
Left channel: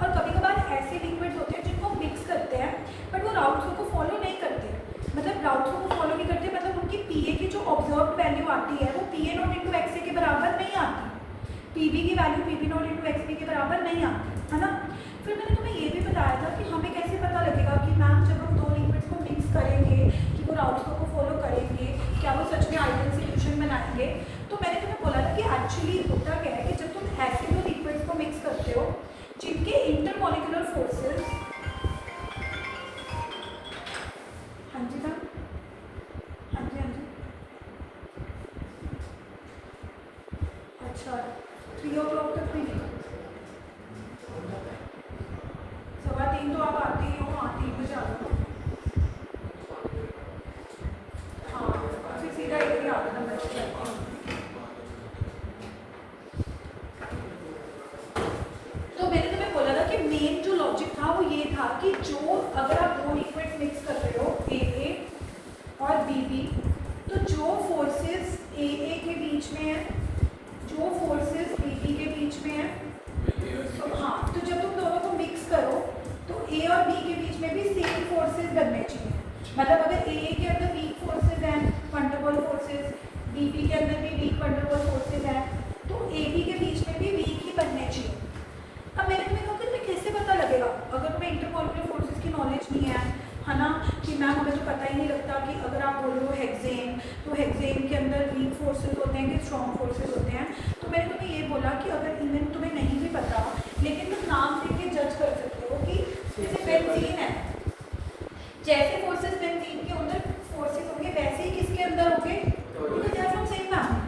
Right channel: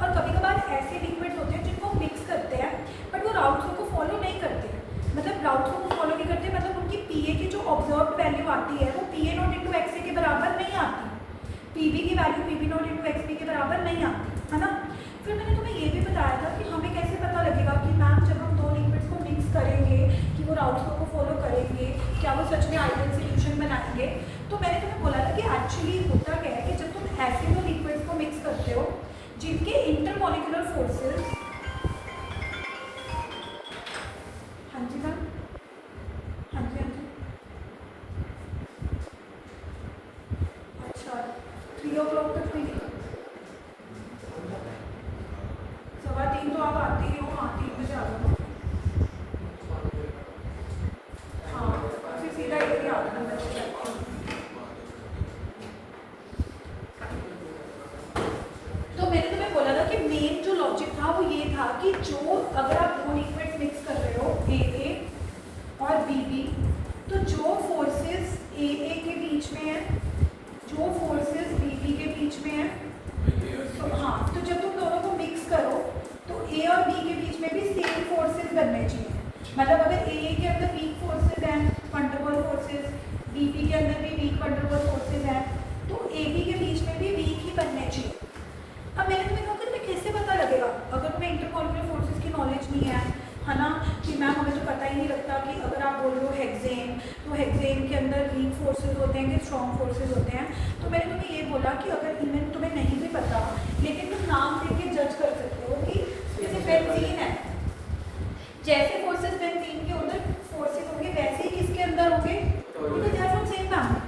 और कभी कभार ऐसे लिक्विड्स होते हैं जिनको मिक्स करते हैं बट वो राउल्ट्स को फॉलो नहीं करते। मतलब राउल्ट्स को फॉलो नहीं करते, मतलब उनकी पीए की जो ऑब्जर्व्ड वैल्यू आती है वो PA not into X A के बराबर नहीं आती, पीबी की value PB not into X B के बराबर नहीं आती, है ना। फिर मैंने तुम्हें ये भी बताया था कि हमें कैसे पता लगेगा कि मैम जब हम 2 लिक्विड्स को मिक्स करेंगे कि वो राउल्ट्स को फॉलो करेंगे, क्या वो सच में आइडियल सॉल्यूशन बनाएंगे। तो मैंने तुम्हें बोला था कि एक्चुअली होता क्या है कि जब तुम ऐसे 2 लिक्विड्स को मिक्स करते हो जिनके इंटरमॉलिक्यूलर फोर्सेस, हाँ जी मैम, हाँ जी हाँ जी, अच्छा 3 o'clock तक भी नहीं, 3:15 तो आप आते ही हो। हाँ 3 बजे आ जाओ। हाँ फिर सीधा एक ही आता है। तो मैंने तुम्हें बोला था कि मेन जो लॉजिक था वो ये था कि जो अगर आप 2 लिक्विड्स मिक्स कर रहे हो ए और बी, तो जो फोर्सेस ए के बीच में है, जो फोर्सेस बी के बीच में है, तो हाँ, तो जब तुम दोनों को मिक्स करो तो ए और बी के बीच में भी सेम फोर्सेस बनने चाहिए। मतलब अगर ए के अंदर वीक फोर्सेस हैं, वंडरबल फोर्सेस, बी के अंदर भी वीक वंडरबल फोर्सेस हैं, तो ए बी के बीच में भी वीक ही बनने चाहिए। अब मैंने तुम्हें कहा कि तुम्हें कैसे पता लगेगा अगर तुम्हें इंटरमॉलिक्यूलर फोर्सेस की नॉलेज नहीं है ना, कि मैम हमें तो पता ही नहीं लगता कि अगर आप बोल रहे हो हेक्सेन, तो हेक्सेन के अंदर वीक फोर्सेस होते हैं कि स्ट्रॉन्ग फोर्सेस होते हैं। तो मैंने तुम्हें ये बोला कि अगर इवन तुम्हें नहीं भी पता, लेकिन तुम नाम देख के जज कर सकते हो कि जैसे बेंजीन है, जैसे फोर्सेस बेंजीन के अंदर फोर्सेस होंगे वैसे ही किसके अंदर होंगे, क्योंकि they are from same family.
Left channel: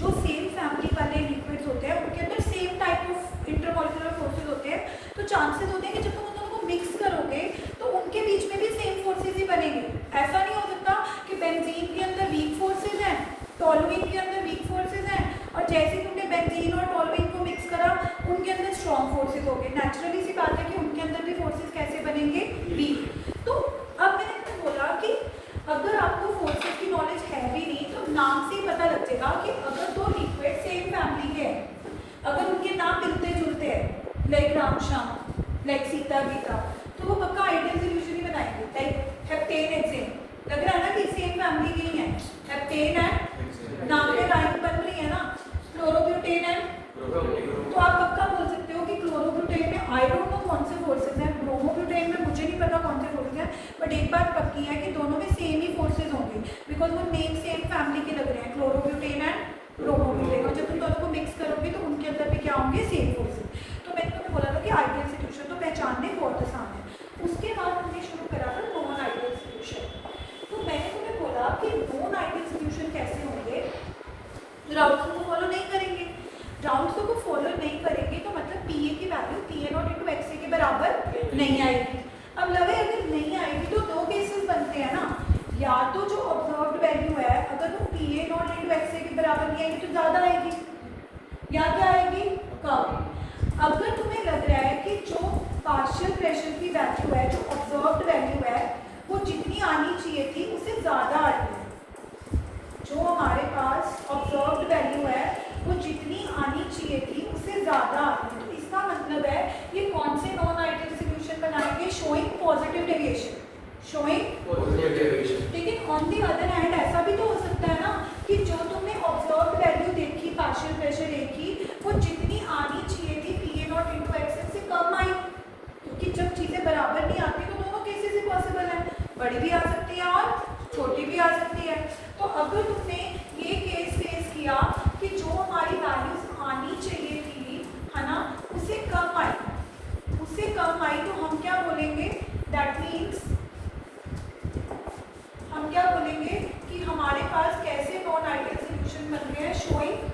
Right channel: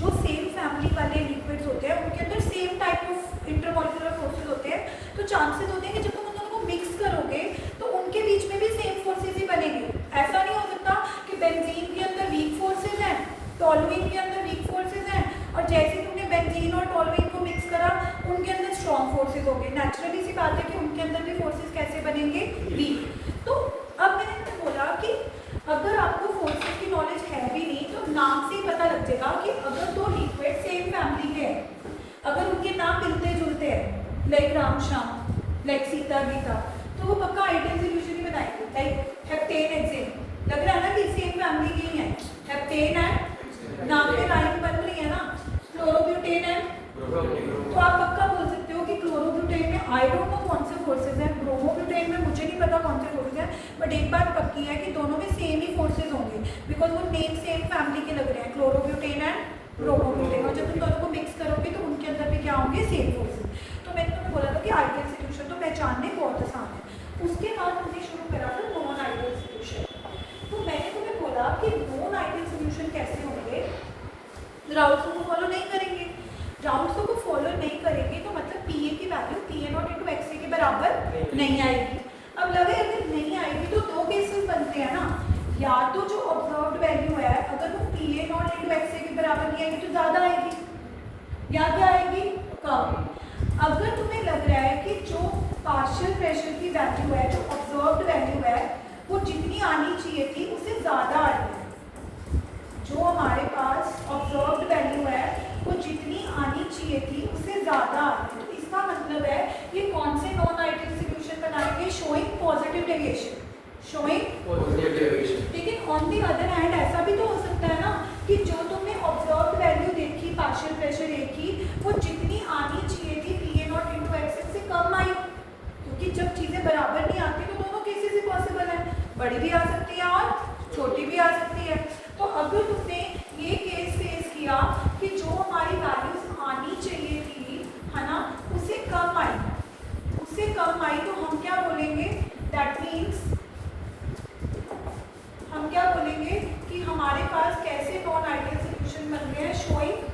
जो सेम फैमिली वाले लिक्विड्स होते हैं उनके अंदर same type of intermolecular forces होते हैं, तो चांसेस होते हैं कि जब तुम उन दोनों को मिक्स करोगे तो उनके बीच में भी सेम फोर्सेस ही बनेंगे। ऐसा नहीं हो सकता कि बेंजीन के अंदर वीक फोर्सेस हैं, टॉलुइन के अंदर वीक फोर्सेस हैं, और जैसे तुमने बेंजीन और टॉलुइन को मिक्स करा उनके अंदर स्ट्रॉन्ग फोर्सेस हो गए। नेचुरली सी बात है कि उनके अंदर भी फोर्सेस कैसे बनेंगे, वीक। तो अब मैंने तुमसे बोला कि अगर आपको फोर्सेस की नॉलेज है भी नहीं तो नाम से ही पता लग जाएगा कि अगर 2 लिक्विड सेम फैमिली के हैं, अगर उनके नाम मिलते जुलते हैं, लाइक राम श्याम, लाइक सीता गीता, तो वो पक्का आइडियल सॉल्यूशन ही बनाएंगे। लाइक हेप्टेन हेक्सेन, लग रहा है ना कि सेम फैमिली के ही है, हेप्टेन एंड नाम में लाइन बन रही है ना, क्लोरोब्यूटेन एंड, तो आप पक्का बोल सकते हो कि क्लोरोब्यूटेन में आई डोंट नो कौन से फोर्सेस हैं, ब्रोमोब्यूटेन में मुझे नहीं पता कौन से फोर्सेस हैं, बट एक बात पक्की है कि दोनों में सेम ही फोर्सेस होंगे, बिकॉज वो नेम सेम फैमिली के लग रहे हैं, क्लोरोब्यूटेन एंड ब्रोमोब्यूटेन। और जब तुम दोनों को मिक्स करोगे तो उनके अंदर भी क्या होंगे, सेम फोर्सेस। तो मैंने तुम्हें बोला था कि आइडियल सॉल्यूशन तो पहचानने बहुत आसान है। उसके बाद हमने शुरू करा था नॉन आइडियल सॉल्यूशन। तो मैंने तुम्हें बोला कि नॉन आइडियल सॉल्यूशन कैसे होंगे, राउल्ट्स को फॉलो नहीं करेंगे। राउल्ट्स को फॉलो नहीं करेंगे तो मतलब पीए की वैल्यू पीए नॉट इंटू एक्सए के बराबर नहीं आएगी। अब लगे अगर नहीं आएगी तो 2 केसेस बनते हैं ना, या तो जो ऑब्जर्व्ड वैल्यू है अगर अगर वो PA नॉट इंटू XA के बराबर नहीं आएगी तो ज़्यादा आएगी, या क्या आएगी, कम। अगर तुम्हें लग रहा है कि जो पार्शियल प्रेशर की वैल्यू है, जो ऑब्जर्व्ड वैल्यू है, वो जितनी आनी चाहिए थी उससे ज़्यादा आ रही है, जो हमारे पास ऑब्जर्व्ड वैल्यू है वो जितनी आनी चाहिए थी उससे ज़्यादा आ रही है, तो इसका मतलब है ये कौन से नॉन आइडियल सॉल्यूशन बनाएंगे, शोइंग पॉजिटिव डेविएशन, शोइंग। लेकिन ऑन दी अदर हैंड ऐसा भी तो हो सकता है ना कि जो तुमने ऑब्जर्व्ड वैल्यू देखी पार्शियल प्रेशर ए की, वो जितनी आनी चाहिए थी PA नॉट इंटू XA से कम आई, क्योंकि जब चीज़ें बराबर नहीं आती तो दोनों केसेस पॉसिबल है, बड़ी भी आ सकती है और छोटी भी आ सकती है। तो अगर तुमने ये केस फेस किया कि जो हमारी वैल्यूज आनी चाहिए थी, है ना, उससे कम आई, उससे कम आई, तो हम क्या बोलेंगे, दैट मीन्स हम क्या बोलेंगे कि हमारे पास कैसे नॉन आइडियल सॉल्यूशन बन रहे हैं, showing.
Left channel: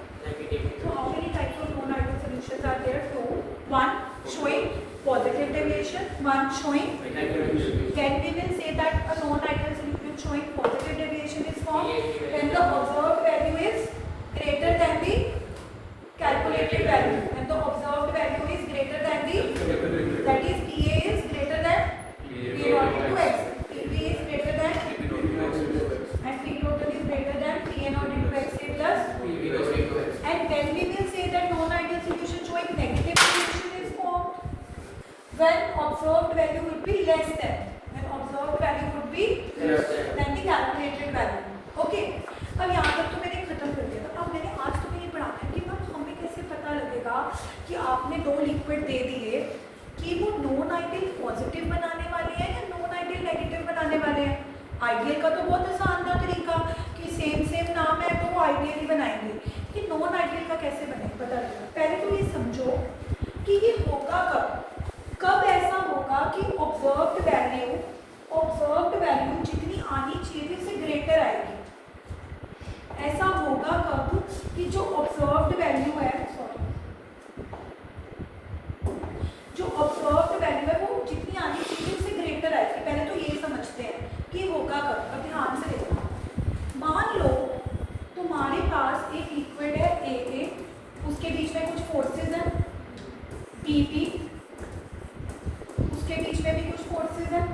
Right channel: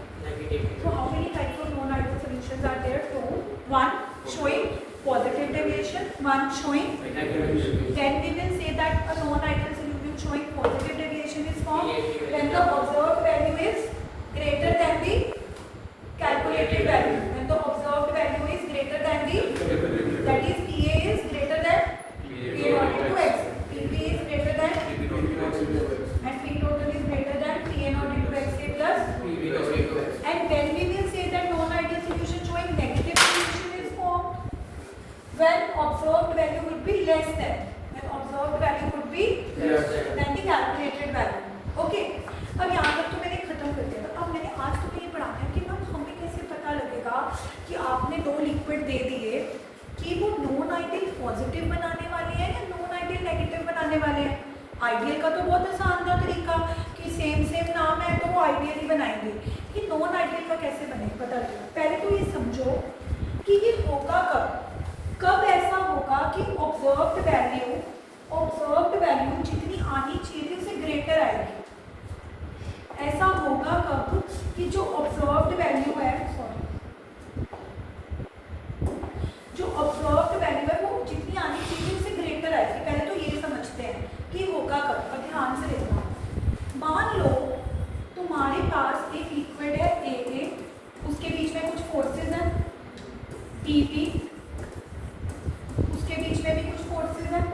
So how many types of non-ideal solutions are there? Two. One showing positive deviation, one showing negative. Can we will say that a non-ideal solution showing positive deviation is formed when the observed value is greater than the calculated value. When the observed value is greater than the, that is PA is greater than PA not into X. PB is greater than and P total is greater than PA not into XA plus. And when we will say that non-ideal solution showing negative solution is formed when observed value would be less than, when observed value would be than the calculated value. Okay. अब यहाँ तक तो मैंने खत्म कर दिया था। अब मैंने आज तुम्हें ये पढ़ाना है कि मैम हमें कैसे पता लगेगा कि आपने दो लिक्विड दे दिए कि वो नॉन आइडियल पॉजिटिव बनाने वाले हैं या नॉन आइडियल नेगेटिव बनाने वाले हैं। आइडियल का तो बहुत आसान था तरीका कि सेम नाम है तो वो आइडियल ही बनाएंगे, कि नॉन आइडियल का कैसे बनेगा पता लगेगा। पहले तो ये समझो कि ये होगा कब ऐसा होगा कि ऑब्जर्व्ड वैल्यू जितनी आनी चाहिए थी उससे ग्रेटर आएगी। ऐसा होगा कब कि जो ऑब्जर्व्ड वैल्यू है, जो ऑब्जर्व्ड वैल्यू है वो जितनी आनी चाहिए उससे ग्रेटर आएगी। पहले तो ये समझते हैं कि होगा कब, और ध्यान से देखना। मान लो तुम्हारे पास एक लिक्विड है A, उसके बीच में कुछ फोर्सेस हैं PP, उसके बीच में भी कुछ फोर्सेस हैं।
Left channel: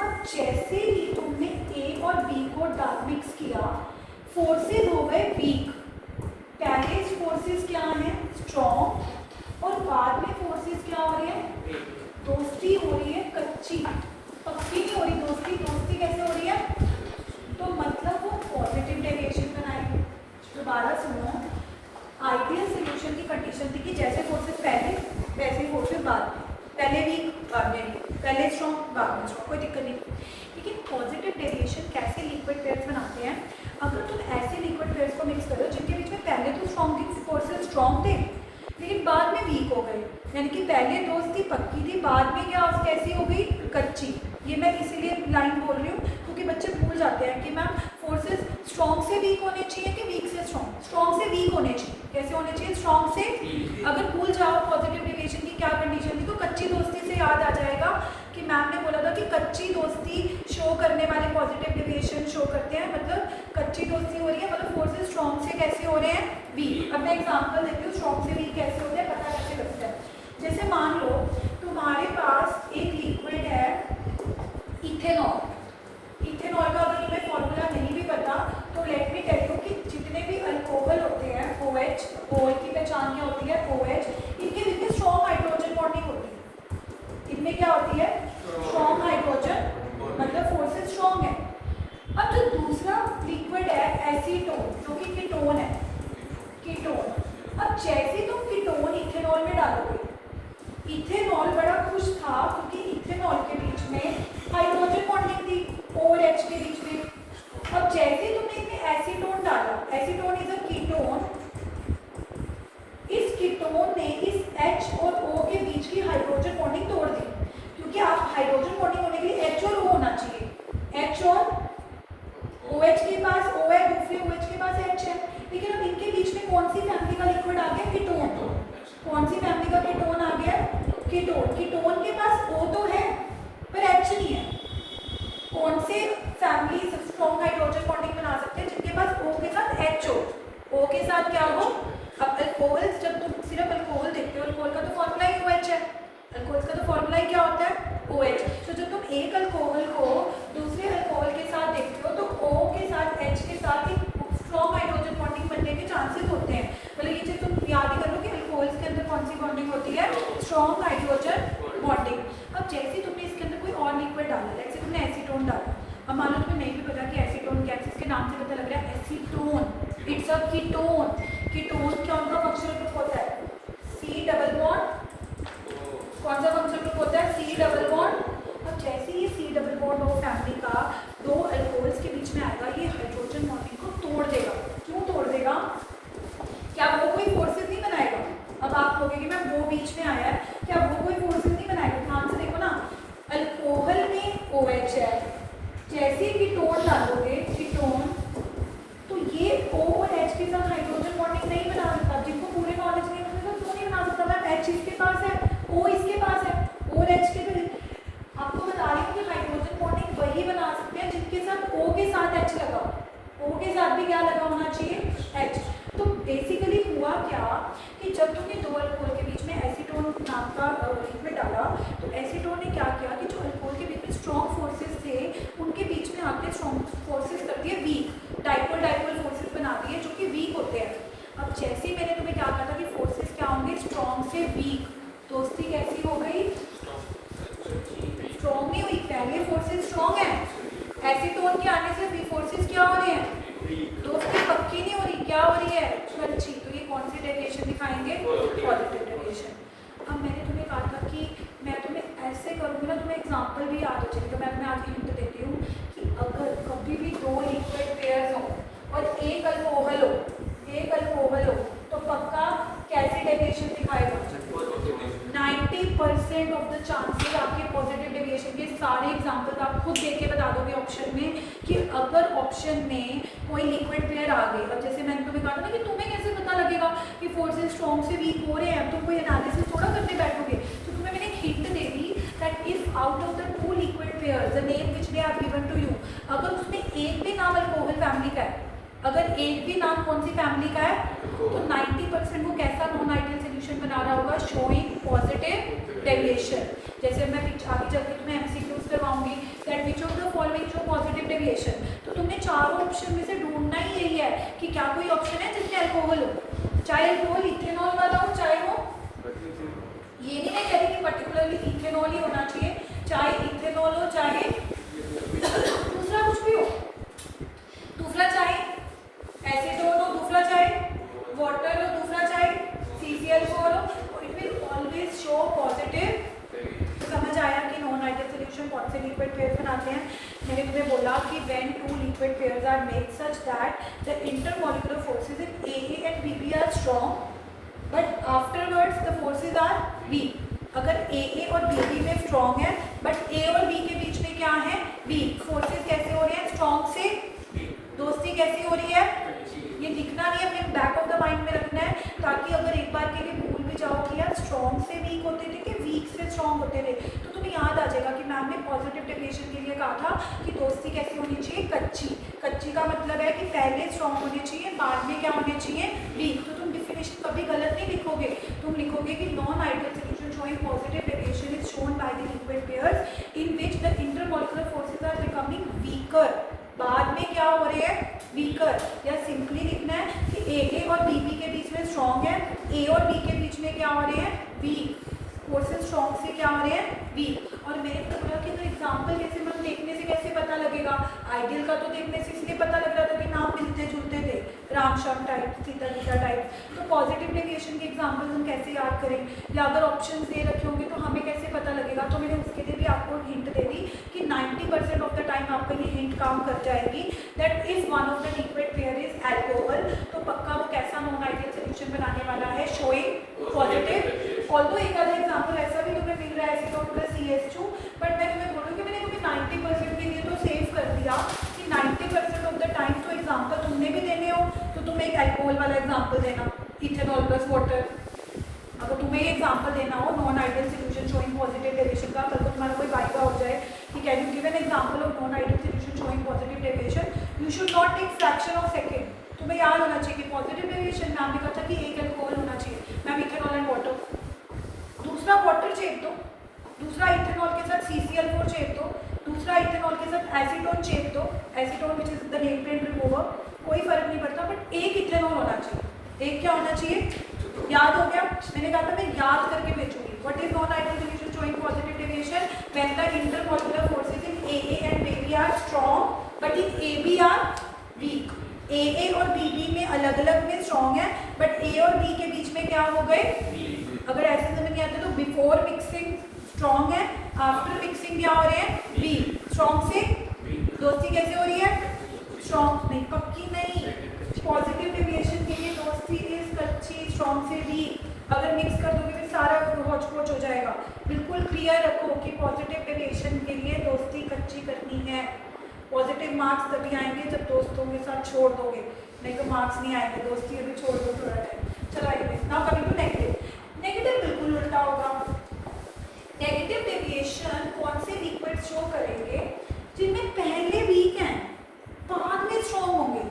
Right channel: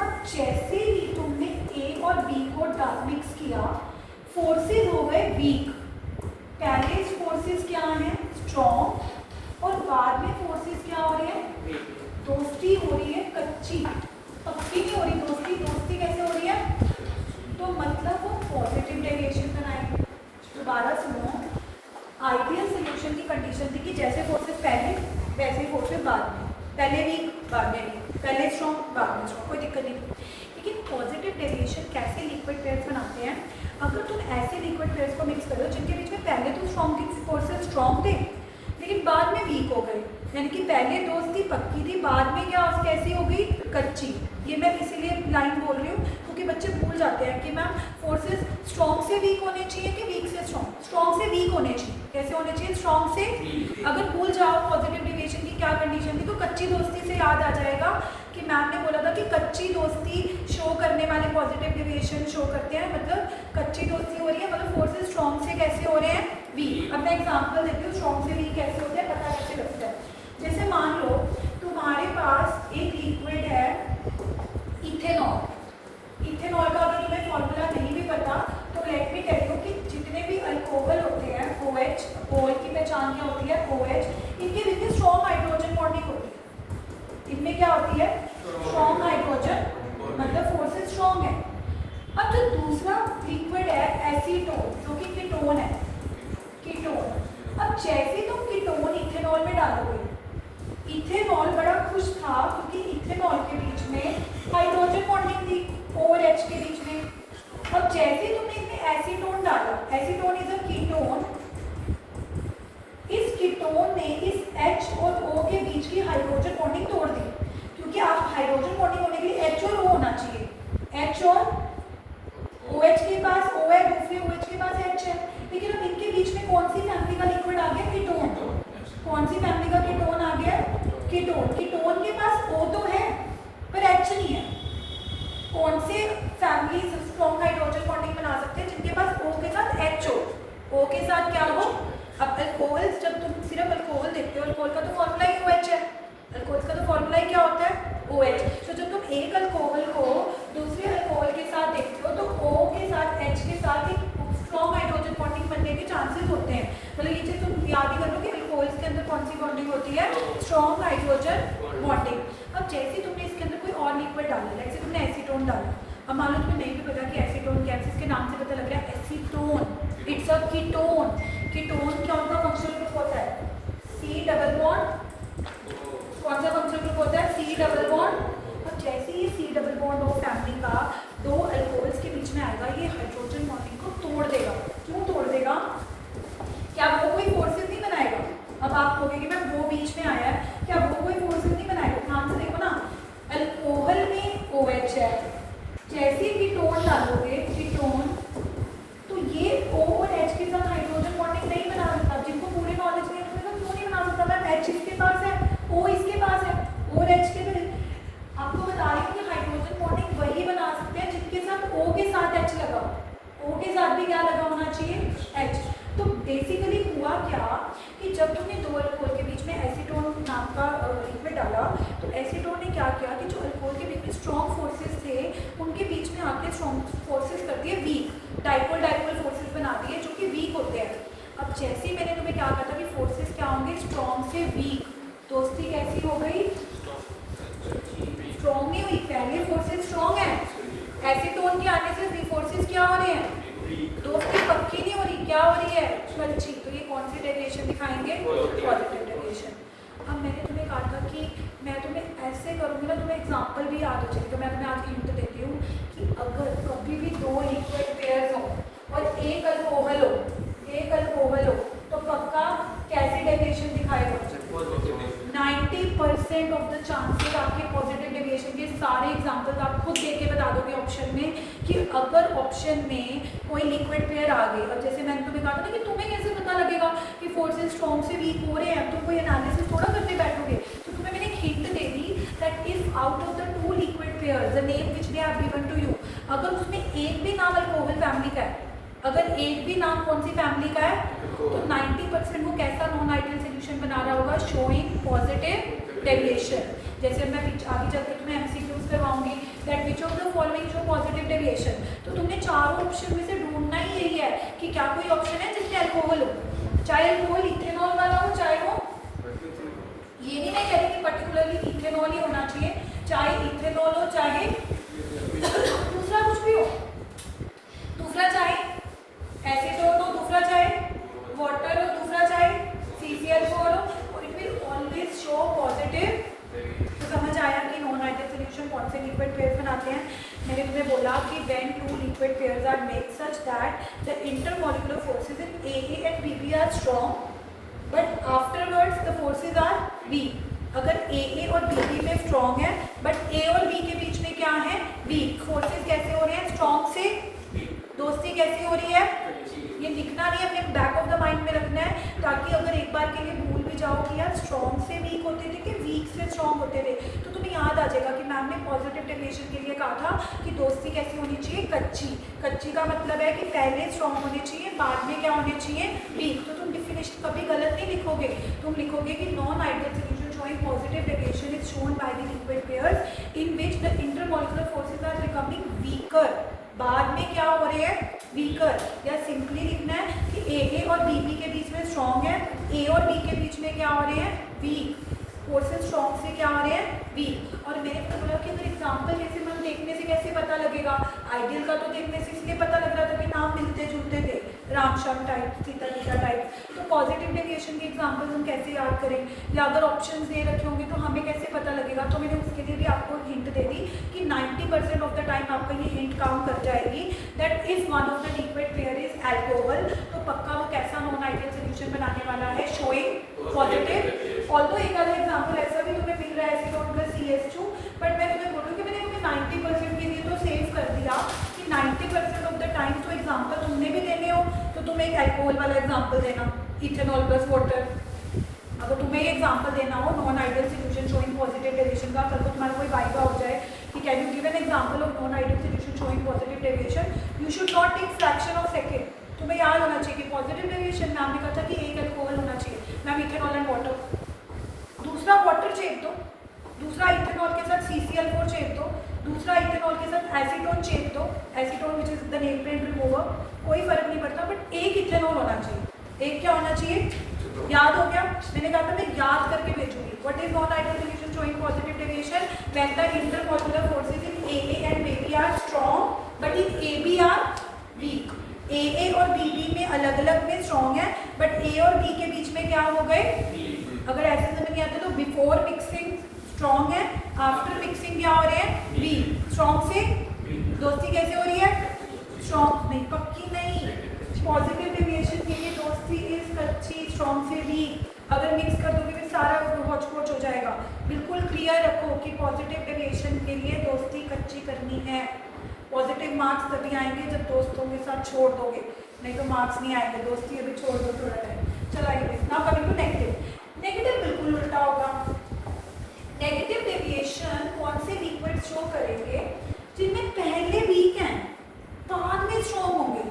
अब जैसे ही तुमने A और B को मिक्स किया, फोर्सेस हो गए वीक। पहले फोर्सेस क्या हैं, स्ट्रॉन्ग, और बाद में फोर्सेस क्या हो रही है, दोस्ती हो रही है कच्ची, पक्की नहीं हो रही दोस्ती। दोस्ती कैसे हो रही है, तो मतलब वो पॉजिटिव डेविएशन बनाएंगे। दोबारा सुनो, आइडियल सॉल्यूशन की कंडीशन थी कि जैसे फोर्सेस पहले वैसे ही फोर्सेस बाद में, पहले वीक बाद में वीक, पहले स्ट्रॉन्ग बाद में स्ट्रॉन्ग, कोई दिक्कत नहीं। लेकिन पॉजिटिव डेविएशन कैसे लिक्विड पेयर्स बनाते हैं, अगर तुम ऐसे लिक्विड पेयर्स को मिक्स करो जिनके बीच में पहले तो स्ट्रॉन्ग फोर्सेस स्ट्रॉन्ग थे लेकिन बाद में वीक हो गए, यानी कि पहले दोस्ती पक्की थी, बाद में क्या कैसी हो गई, कच्ची। ये मैं इसीलिए लाइन बोल रही हूँ क्योंकि बच्चे भूल जाते हैं कि मैम फोर्सेस स्ट्रॉन्ग से वीक होने चाहिए कि वीक से स्ट्रॉन्ग। स्ट्रॉन्ग से वीक होने चाहिए। कैसे होने चाहिए, स्ट्रॉन्ग से। अगर भूल जाओ पॉजिटिव डेविएशन की क्या कंडीशन थी, तो कच्ची दोस्ती से याद आ जाएगा कि मैम ने बोला था कि कच्ची दोस्ती शो करने वाले पॉजिटिव डेविएशन शो करते हैं, मतलब कच्ची दोस्ती हो रही है, मतलब फोर्सेस स्ट्रॉन्ग से कैसे हो रहे हैं, वीक। अब मैं एग्जाम्पल देती हूँ स्ट्रॉन्ग से वीक कैसे होते हैं, पता कैसे लगता है। जैसे मान लो तुम्हारे पास एक लिक्विड है इथेनॉल। इथेनॉल का अगर तुम्हें फॉर्मूला नहीं भी पता तो लेट मी टेल यू कि जितने भी अल्कोहल होते हैं OH, OH की पहचान क्या होती है, OH, इनके बीच में स्ट्रॉन्ग हाइड्रोजन बॉन्डिंग होती है। इनमें क्या होती है, स्ट्रॉन्ग हाइड्रोजन, मतलब फोर्सेस स्ट्रॉन्ग है। अब जो दूसरा लिक्विड है एसीटोन, जो कि कीटोन है, कीटोन। अब जैसे तुम कीटोन इथेनॉल में डालोगे, इथेनॉल बड़ा खुश था क्योंकि इथेनॉल के बीच में हाइड्रोजन बॉन्डिंग थी OH के बीच में। अब जैसे तुमने इसमें एसीटोन डाला, एसीटोन इज अ कीटोन, इस कीटोन ने इस H और O के बीच की हाइड्रोजन बॉन्डिंग तोड़ दी, क्योंकि आप हाइड्रोजन बॉन्डिंग होने के लिए H और O होना चाहिए। H और OH के पास O है, दूसरे OH के पास H है, लेकिन अब इनके बीच में कौन सी फैमिली का लिक्विड आ गया, कीटोन। कौन सी फैमिली का कीटोन आ गया, कीटोन। कीटोन के पास O तो है पर H नहीं है। कौन से फैमिली स्ट्रॉन्ग हाइड्रोजन बॉन्डिंग बना सकते हैं, जिनके पास O O के साथ क्या हो, अब अल्कोहल जब तुम सिर्फ अल्कोहल देखते हो, अल्कोहल का तो फॉर्मूला ही OH है, अल्कोहल का तो फॉर्मूला ही क्या होता है OH। तो जब तुम एक अल्कोहल को दूसरे अल्कोहल के साथ देखते हो तो O के साथ H के साथ एक स्ट्रॉन्ग हाइड्रोजन बॉन्डिंग बनने के चांसेस होते हैं। मतलब ये चीज तुम याद ही करो कि अल्कोहल्स के अंदर कौन सी बॉन्डिंग होती है, स्ट्रॉन्ग हाइड्रोजन बॉन्डिंग। अब जैसे तुमने इसके अंदर कोई और लिक्विड डाला, जैसे तुमने एसीटोन डाला, अब मान लो तुम्हें नहीं भी पता कि एसीटोन क्या है, इसके नाम से पता लग रहा है acetone, it's a ketone. Ketone कौन सा फंक्शनल ग्रुप होता है, C डबल बॉन्ड, कौन सा फंक्शनल ग्रुप होता है, C डबल बॉन्ड। अब जैसे ही C double bond of family का दो अल्कोहल्स के बीच में आएगा, ये हाइड्रोजन बॉन्डिंग को तोड़ देगा। क्यों तोड़ देगा, क्या वो कोई फोर्सेस नहीं बनाएगा। अब आप कहोगे कि मैम वो बीच में आया है, क्या वो कोई फोर्सेस नहीं बनाएगा, ध्यान से देखो ना, अल्कोहल में OH है, जैसे ही कीटोन डालोगे कीटोन, तो ये O और H के साथ हाइड्रोजन बॉन्डिंग नहीं बना सकता। जिनको पूरे नॉलेज नहीं है तो क्यों नहीं बना सकता, मैम H इसके पास है, O इसके पास है, और H के भी आपको बता रही हूँ कि हाइड्रोजन बॉन्डिंग वही बना सकते हैं जिनके साथ O के साथ H लगा, O के साथ भी क्या लगा होना चाहिए, H। तो बेसिकली हुआ क्या कि जब तुमने दो अल्कोहल के बीच में एसीटोन नाम का लिक्विड डाला, तो एसीटोन ने क्या किया कि जो अल्कोहल के बीच में स्ट्रॉन्ग फोर्सेस थे उनके बीच में आके स्ट्रॉन्ग फोर्सेस कर दिए वीक, डाइपोल डाइपोल फोर्सेस बना दिए जो कि वीक होते हैं। अब जैसे ही मैंने तुम्हें क्या कहा था कि फोर्सेस क्या होंगे, स्ट्रॉन्ग से वीक, दोस्ती कैसी हो गई, स्ट्रॉन्ग नहीं हुई, पहले फोर्सेस स्ट्रॉन्ग है, एसीटोन के आने से भी फोर्सेस क्या हो रहे हैं, दोस्ती पक्की नहीं हो रही, क्या हो रही है, अच्छी। तो ये कौन सी डेविएशन दिखाएंगे, पॉजिटिव डेविएशन। अब मैंने तुम्हें कहा था कि मैं तुम्हें ऐसे करूँगी ना, तुम्हें एग्जांपल भी याद हो जाएगा। मैं तुम्हें आज हिंट देती हूँ कि अगर कभी भी दो लिक्विड पेयर्स हो और एक अल्कोहल हो तो पक्का कैसी डेविएशन दिखाएगा, 90% ऑफ द चांसेस आपके पॉजिटिव डेविएशन के। सारे एग्जांपल्स आप खुद देख के बता दोगे ऑप्शन में कि अगर ऑप्शन में कोई लिक्विड पेयर आ गई। अब जैसे मैंने तुम्हें कहा था ना कि तुम्हें कैसे पता लगेगा कि फोर्सेस स्ट्रॉन्ग से वीक हो रहे हैं, तुम कोई एनालिसिस थोड़ा करने बैठोगे। तो तुम्हें मैंने एक हिंट दे दी that if out of the two liquid pairs the name which they have given to you, अगर उसमें एक भी नाम अल्कोहल फैमिली का है, अगर एक भी नाम कौन सी फैमिली का है, तो 90% वो कैसा नॉन आइडियल सोल्यूशन बना रहा होगा, शोइंग पॉजिटिव डेविएशन। जैसे मैं आगे चल के तुम्हें एमसीक्यूज करवाऊंगी that which of the following show positive deviation. तो तुमने चारों ऑप्शन में से ढूंढना ही यही है कि क्या कोई ऑप्शन है जिसमें अल्कोहल हो, चाहे अल्कोहल इथेनॉल वाला हो, चाहे वो ये नहीं कहेंगे कि पर्टिकुलरली इथेनॉल ही होना चाहिए, चाहे इथेनॉल हो चाहे दूसरा कुछ भी हो, दूसरा चाहे एसीटोन हो, दूसरा चाहे वाटर हो, दूसरा चाहे CCl4 हो, it will always show positive. तो समझ आया कि नॉन आइडियल सॉल्यूशन कौन से लिक्विड पेयर्स बनाते हैं। मैंने तुम्हें बोला कि when two liquid pairs are made such that the intermolecular forces in AA and BB are strong but afterwards the forces are weak. अगर AA और BB में स्ट्रॉन्ग है बट A और B के बीच में क्या है, वीक। फोर्सेस कैसे हो रहे हैं, स्ट्रॉन्ग से, दोस्ती कैसी हो रही है, ये लिखना नहीं, अपने बैक ऑफ द माइंड में रखना है ताकि अगर एक बार के लिए भूल भी जाओ कि यार स्ट्रॉन्ग से वीक होते थे कि वीक से स्ट्रॉन्ग होते थे, तो तुम्हें याद आ जाएगा कि मैम ने पॉजिटिव डेविएशन के लिए कहा था कि दोस्ती कैसी होनी चाहिए, कच्ची। कच्ची का मतलब है कि पहले स्ट्रॉन्ग होनी चाहिए, बाद में क्या होनी चाहिए, वीक। तो तुम डिफिनेशन कभी गलत नहीं लिखोगे, तुम लिखोगे कि non ideal solution showing positive deviation is shown by the liquid pairs in which the intermolecular forces are becoming weaker। बाद में क्या हो रहे हैं, वीकर। या सिंपली लिखना है कि AA और BB के बीच में स्ट्रॉन्ग है, A और B के बीच में क्या हो रहे हैं, वीक। फोर्सेस स्ट्रॉन्ग से क्या हो रहे हैं, वीक। और मैंने तो बोला कि एग्जाम्पल कैसे, मतलब देखने से कैसे पता लगेगा, आइडियल का तो देखने से इसलिए पता लग रहा था कि नाम मिलते जुलते थे, राम श्याम टाइप, सीता गीता टाइप। तो पॉजिटिव डेविएशन के एग्जाम्पल हम कैसे याद करें, या अगर ऑप्शंस दे रखे होंगे तो हमें कैसे पता लगेगा। तो मैंने उसके लिए भी आपको हिंट दे दी कि 90% ऑफ द टाइम आपका ये हिंट काम कर जाएगी that if one of the liquid pair is alcohol, तो पक्का वो कैसा नॉन आइडियल सोल्यूशन बनाने वाला है, शोइंग पॉजिटिव। ऑल्दो एक अलग एग्जाम्पल ऐसा भी तुम्हें मिल रहा है एसीटोन प्लस CH2, बट मैं तुम्हें बोलूँ कि मैंने तुम्हें 90% के लिए तो सेव कर दिया कि 90% ऑफ द टाइम तो एग्जाम्पल तुमने भी देने हो तो तुम्हें एक अल्कोहल वाला एग्जाम्पल देना, इथेनॉल प्लस वाटर। अगर तुम्हें एग्जाम्पल देना हो non ideal solution showing positive deviation का, कल को तुम्हारा कोई वाइवा हो जाए कि can you give an example of non ideal solution showing positive deviation, you should not take fraction of second. तुम्हें याद होना चाहिए कि पॉजिटिव डेविएशन मैम ने कहा था कि एक अल्कोहल होना चाहिए, मैम इथेनॉल एंड वाटर, दूसरा वाटर चेप दो, दूसरा इथेनॉल के साथ CCl4 चेप दो, दूसरा इथेनॉल के साथ एसीटोन चेप दो, acetone which is the nail paint remover, कोई फर्क नहीं पड़ता, बट एक इथेनॉल होना चाहिए। एक क्या होना चाहिए? याद हो गया? मैंने कहा था मैं याद करके भेजूंगी। What is non ideal solution showing positive deviation? When the intermolecular forces in AA and BB are strong but in AB are weak. AA और BB में अलग अलग में स्ट्रॉन्ग है, बट A और B के बीच में क्या हो गए? अगर ऐसे समझ नहीं आते तो बिफोर मिक्सिंग स्ट्रॉन्ग है, आफ्टर मिक्सिंग क्या हो रहे हैं? वीक। स्ट्रॉन्ग से दोस्ती कैसे हो रही है? स्ट्रॉन्ग नहीं, पक्की नहीं। पॉजिटिव डेविएशन के लिए दोस्ती इज कच्ची, स्ट्रॉन्ग से वीक। अगर मिक्स कर दोगे फिर सारा होच पोच हो जाएगा। बिल्कुल क्लियर रखो कि पॉजिटिव डेविएशन के लिए दोस्ती कच्ची करनी है। पॉजिटिव मार्क्स तभी आएंगे जब दोस्तों के साथ छोड़ दोगे, नहीं तो मार्क्स नहीं आएंगे। दोस्ती अभी छोड़ दो थोड़ा टाइम। चलो आइए now coming to negative. Negative बिल्कुल उल्टा होगा। नेगेटिव डेविएशन कौन से लिक्विड शो करेंगे? जिनमें पहले वीक हैं बाद में स्ट्रॉन्ग होंगे,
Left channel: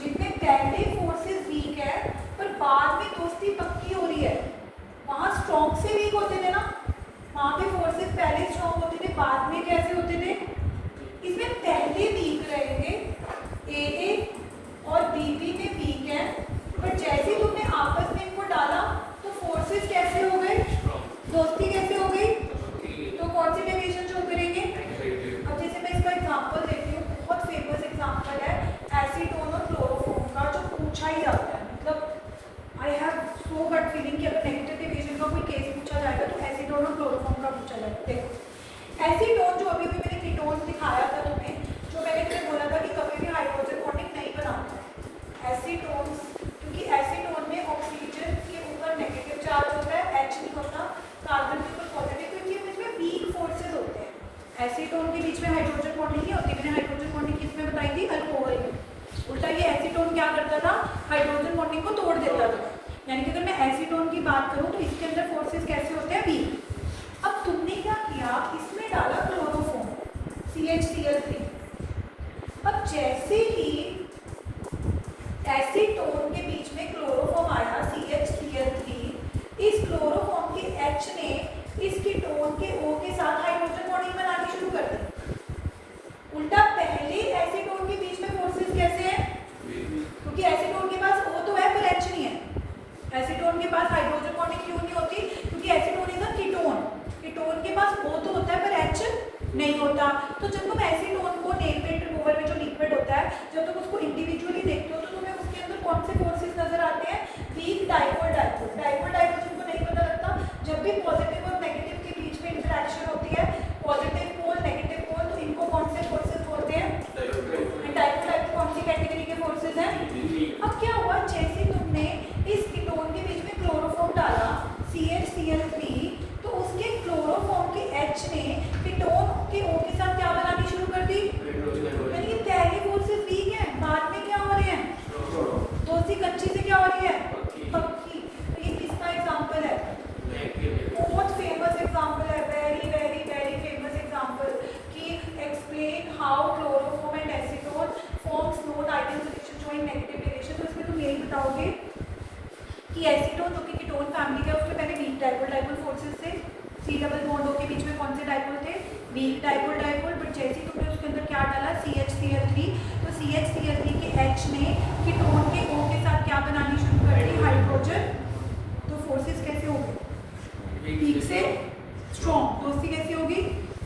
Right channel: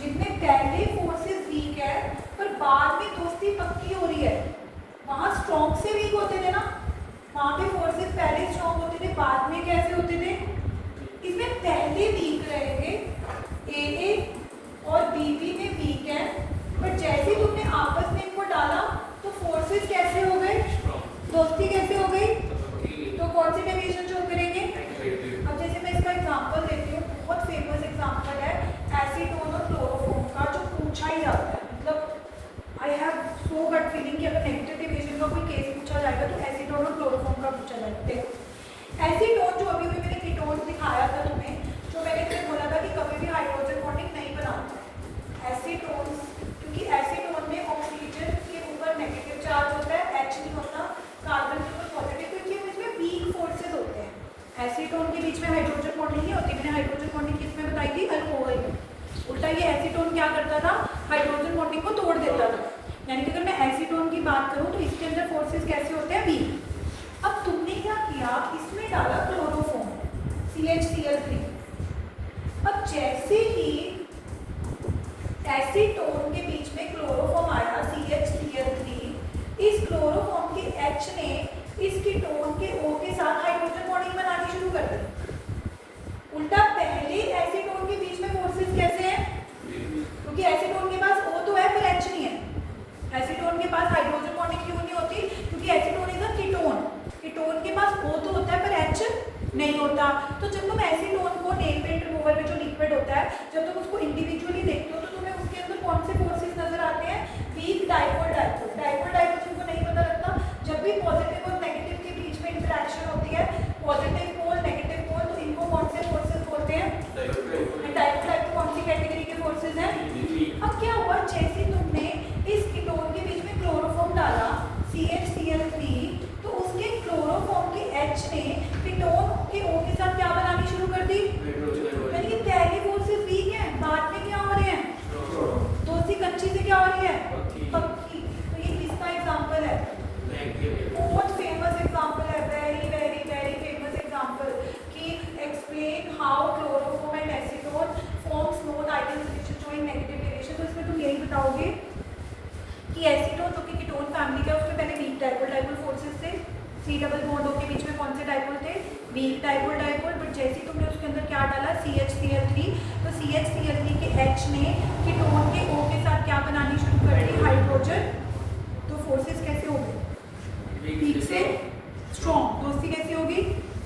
जिनमें पहले फोर्सेस वीक है पर बाद में दोस्ती पक्की हो रही है। वहां स्ट्रॉन्ग से वीक होते थे ना, वहां पे फोर्सेस पहले स्ट्रॉन्ग होते थे, बाद में कैसे होते थे? इसमें पहले वीक रहेंगे, AA और BB में वीक है, पर जैसे तुमने आपस में इनको डाला तो फोर्सेस कैसे हो गए? दोस्ती कैसे हो गई? तो कौन सी डेविएशन शो करेंगे? अब जैसे मैं इसका एग्जांपल देती हूँ, बहुत फेमस एग्जांपल है एसीटोन और क्लोरोफॉर्म का, जो पूछा ही जाता है। मतलब I have so gut feeling कि अगर नेगेटिव डेविएशन का कोई केस पूछा जाएगा तो एसीटोन और क्लोरोफॉर्म का पूछा जाएगा। देखो एसीटोन जो अभी भी मैंने कीटोन दिखाया था तुम्हें, जो मैंने फिर बोला था कि कभी भी हाइड्रोजन बॉन्डिंग नहीं बनाता है एसीटोन, क्योंकि एसीटोन में ऑक्सीजन के ऊपर नेगेटिव चार्ज होता है, H नहीं होता, कार्बन के ऊपर पॉजिटिव, तो इनके बीच में वीक फोर्सेस होते हैं। एसीटोन के बीच में हाइड्रोजन बॉन्डिंग नहीं होती। मैंने हाइड्रोजन बॉन्डिंग किस में बताई थी? अल्कोहल में। उल्टा ये एसीटोन क्या करता था? हाइड्रोजन बॉन्डिंग को तोड़ देता था। यानी कि अगर मैं एसीटोन की बात करूं तो इसके अंदर फोर्सेस कैसे होते हैं? वीक। अब तुमने क्या किया? इसमें डाला क्लोरोफॉर्म CHCl3। अब जैसे ही एसीटोन के बीच में क्लोरोफॉर्म आया CHCl3, इस क्लोरोफॉर्म के H ने इस कीटोन के O के साथ हाइड्रोजन बॉन्डिंग बनानी शुरू कर दी। उल्टा पहले एसीटोन के बीच में फोर्सेस कैसे हैं? क्योंकि एसीटोन के पास O तो है पर H नहीं है। एसीटोन के पास हाइड्रोजन बॉन्डिंग क्यों नहीं होती? क्योंकि acetone is a ketone. Ketone के पास O तो होता है पर H नहीं होता। तो जब तुम एसीटोन को नेल पेंट रिमूवर में जो लिक्विड होता है, जब तुम उसको इंडिविजुअली देखते हो तो तुम्हें उसके अंदर कौन से फोर्सेस नजर आते हैं? Weak, dipole, dipole. Dipole dipole तुमको नहीं पता लगता। जब भी पॉजिटिव और नेगेटिव के बीच में इंटरेक्शन होती है, पॉजिटिव पोल नेगेटिव पोल, तो इनको कौन से फोर्सेस बोलते हैं? डाइपोल डाइपोल कौन सी कैटेगरी के फोर्सेस हैं? अब क्या हुआ? जैसे तुमने इस कीटोन के बीच में क्लोरोफॉर्म डाला CHCl3, तो उसके क्लोरोफॉर्म के H ने कीटोन के O के साथ क्या बनानी शुरू कर दी? यानी कि पहले फोर्सेस वीक हैं, बाद में क्या हो रहे हैं? दोस्ती कच्ची से क्या हो रही है? पक्की। तो ये किसका एग्जांपल है? बहुत फेमस एग्जांपल है, very very very famous example कि explain how chloroform and acetone forms non ideal solution showing negative deviation. तो इसमें तुम यही बताओगे कि एसीटोन जो कि कीटोन फैमिली का, उसमें पहले वीक डाइपोल डाइपोल फोर्सेस थे, C डबल बॉन्ड O के बीच में कौन से डाइपोल थे? Week dipole dipole. बट जैसे ही तुमने उसके अंदर क्या डाला? CHCl3, तो CHCl3 के H ने कीटोन के O के साथ क्या बनानी शुरू कर दी? हाइड्रोजन। तो फोर्सेस कैसे हो गए? वीक से स्ट्रॉन्ग। दोस्ती कैसी होगी?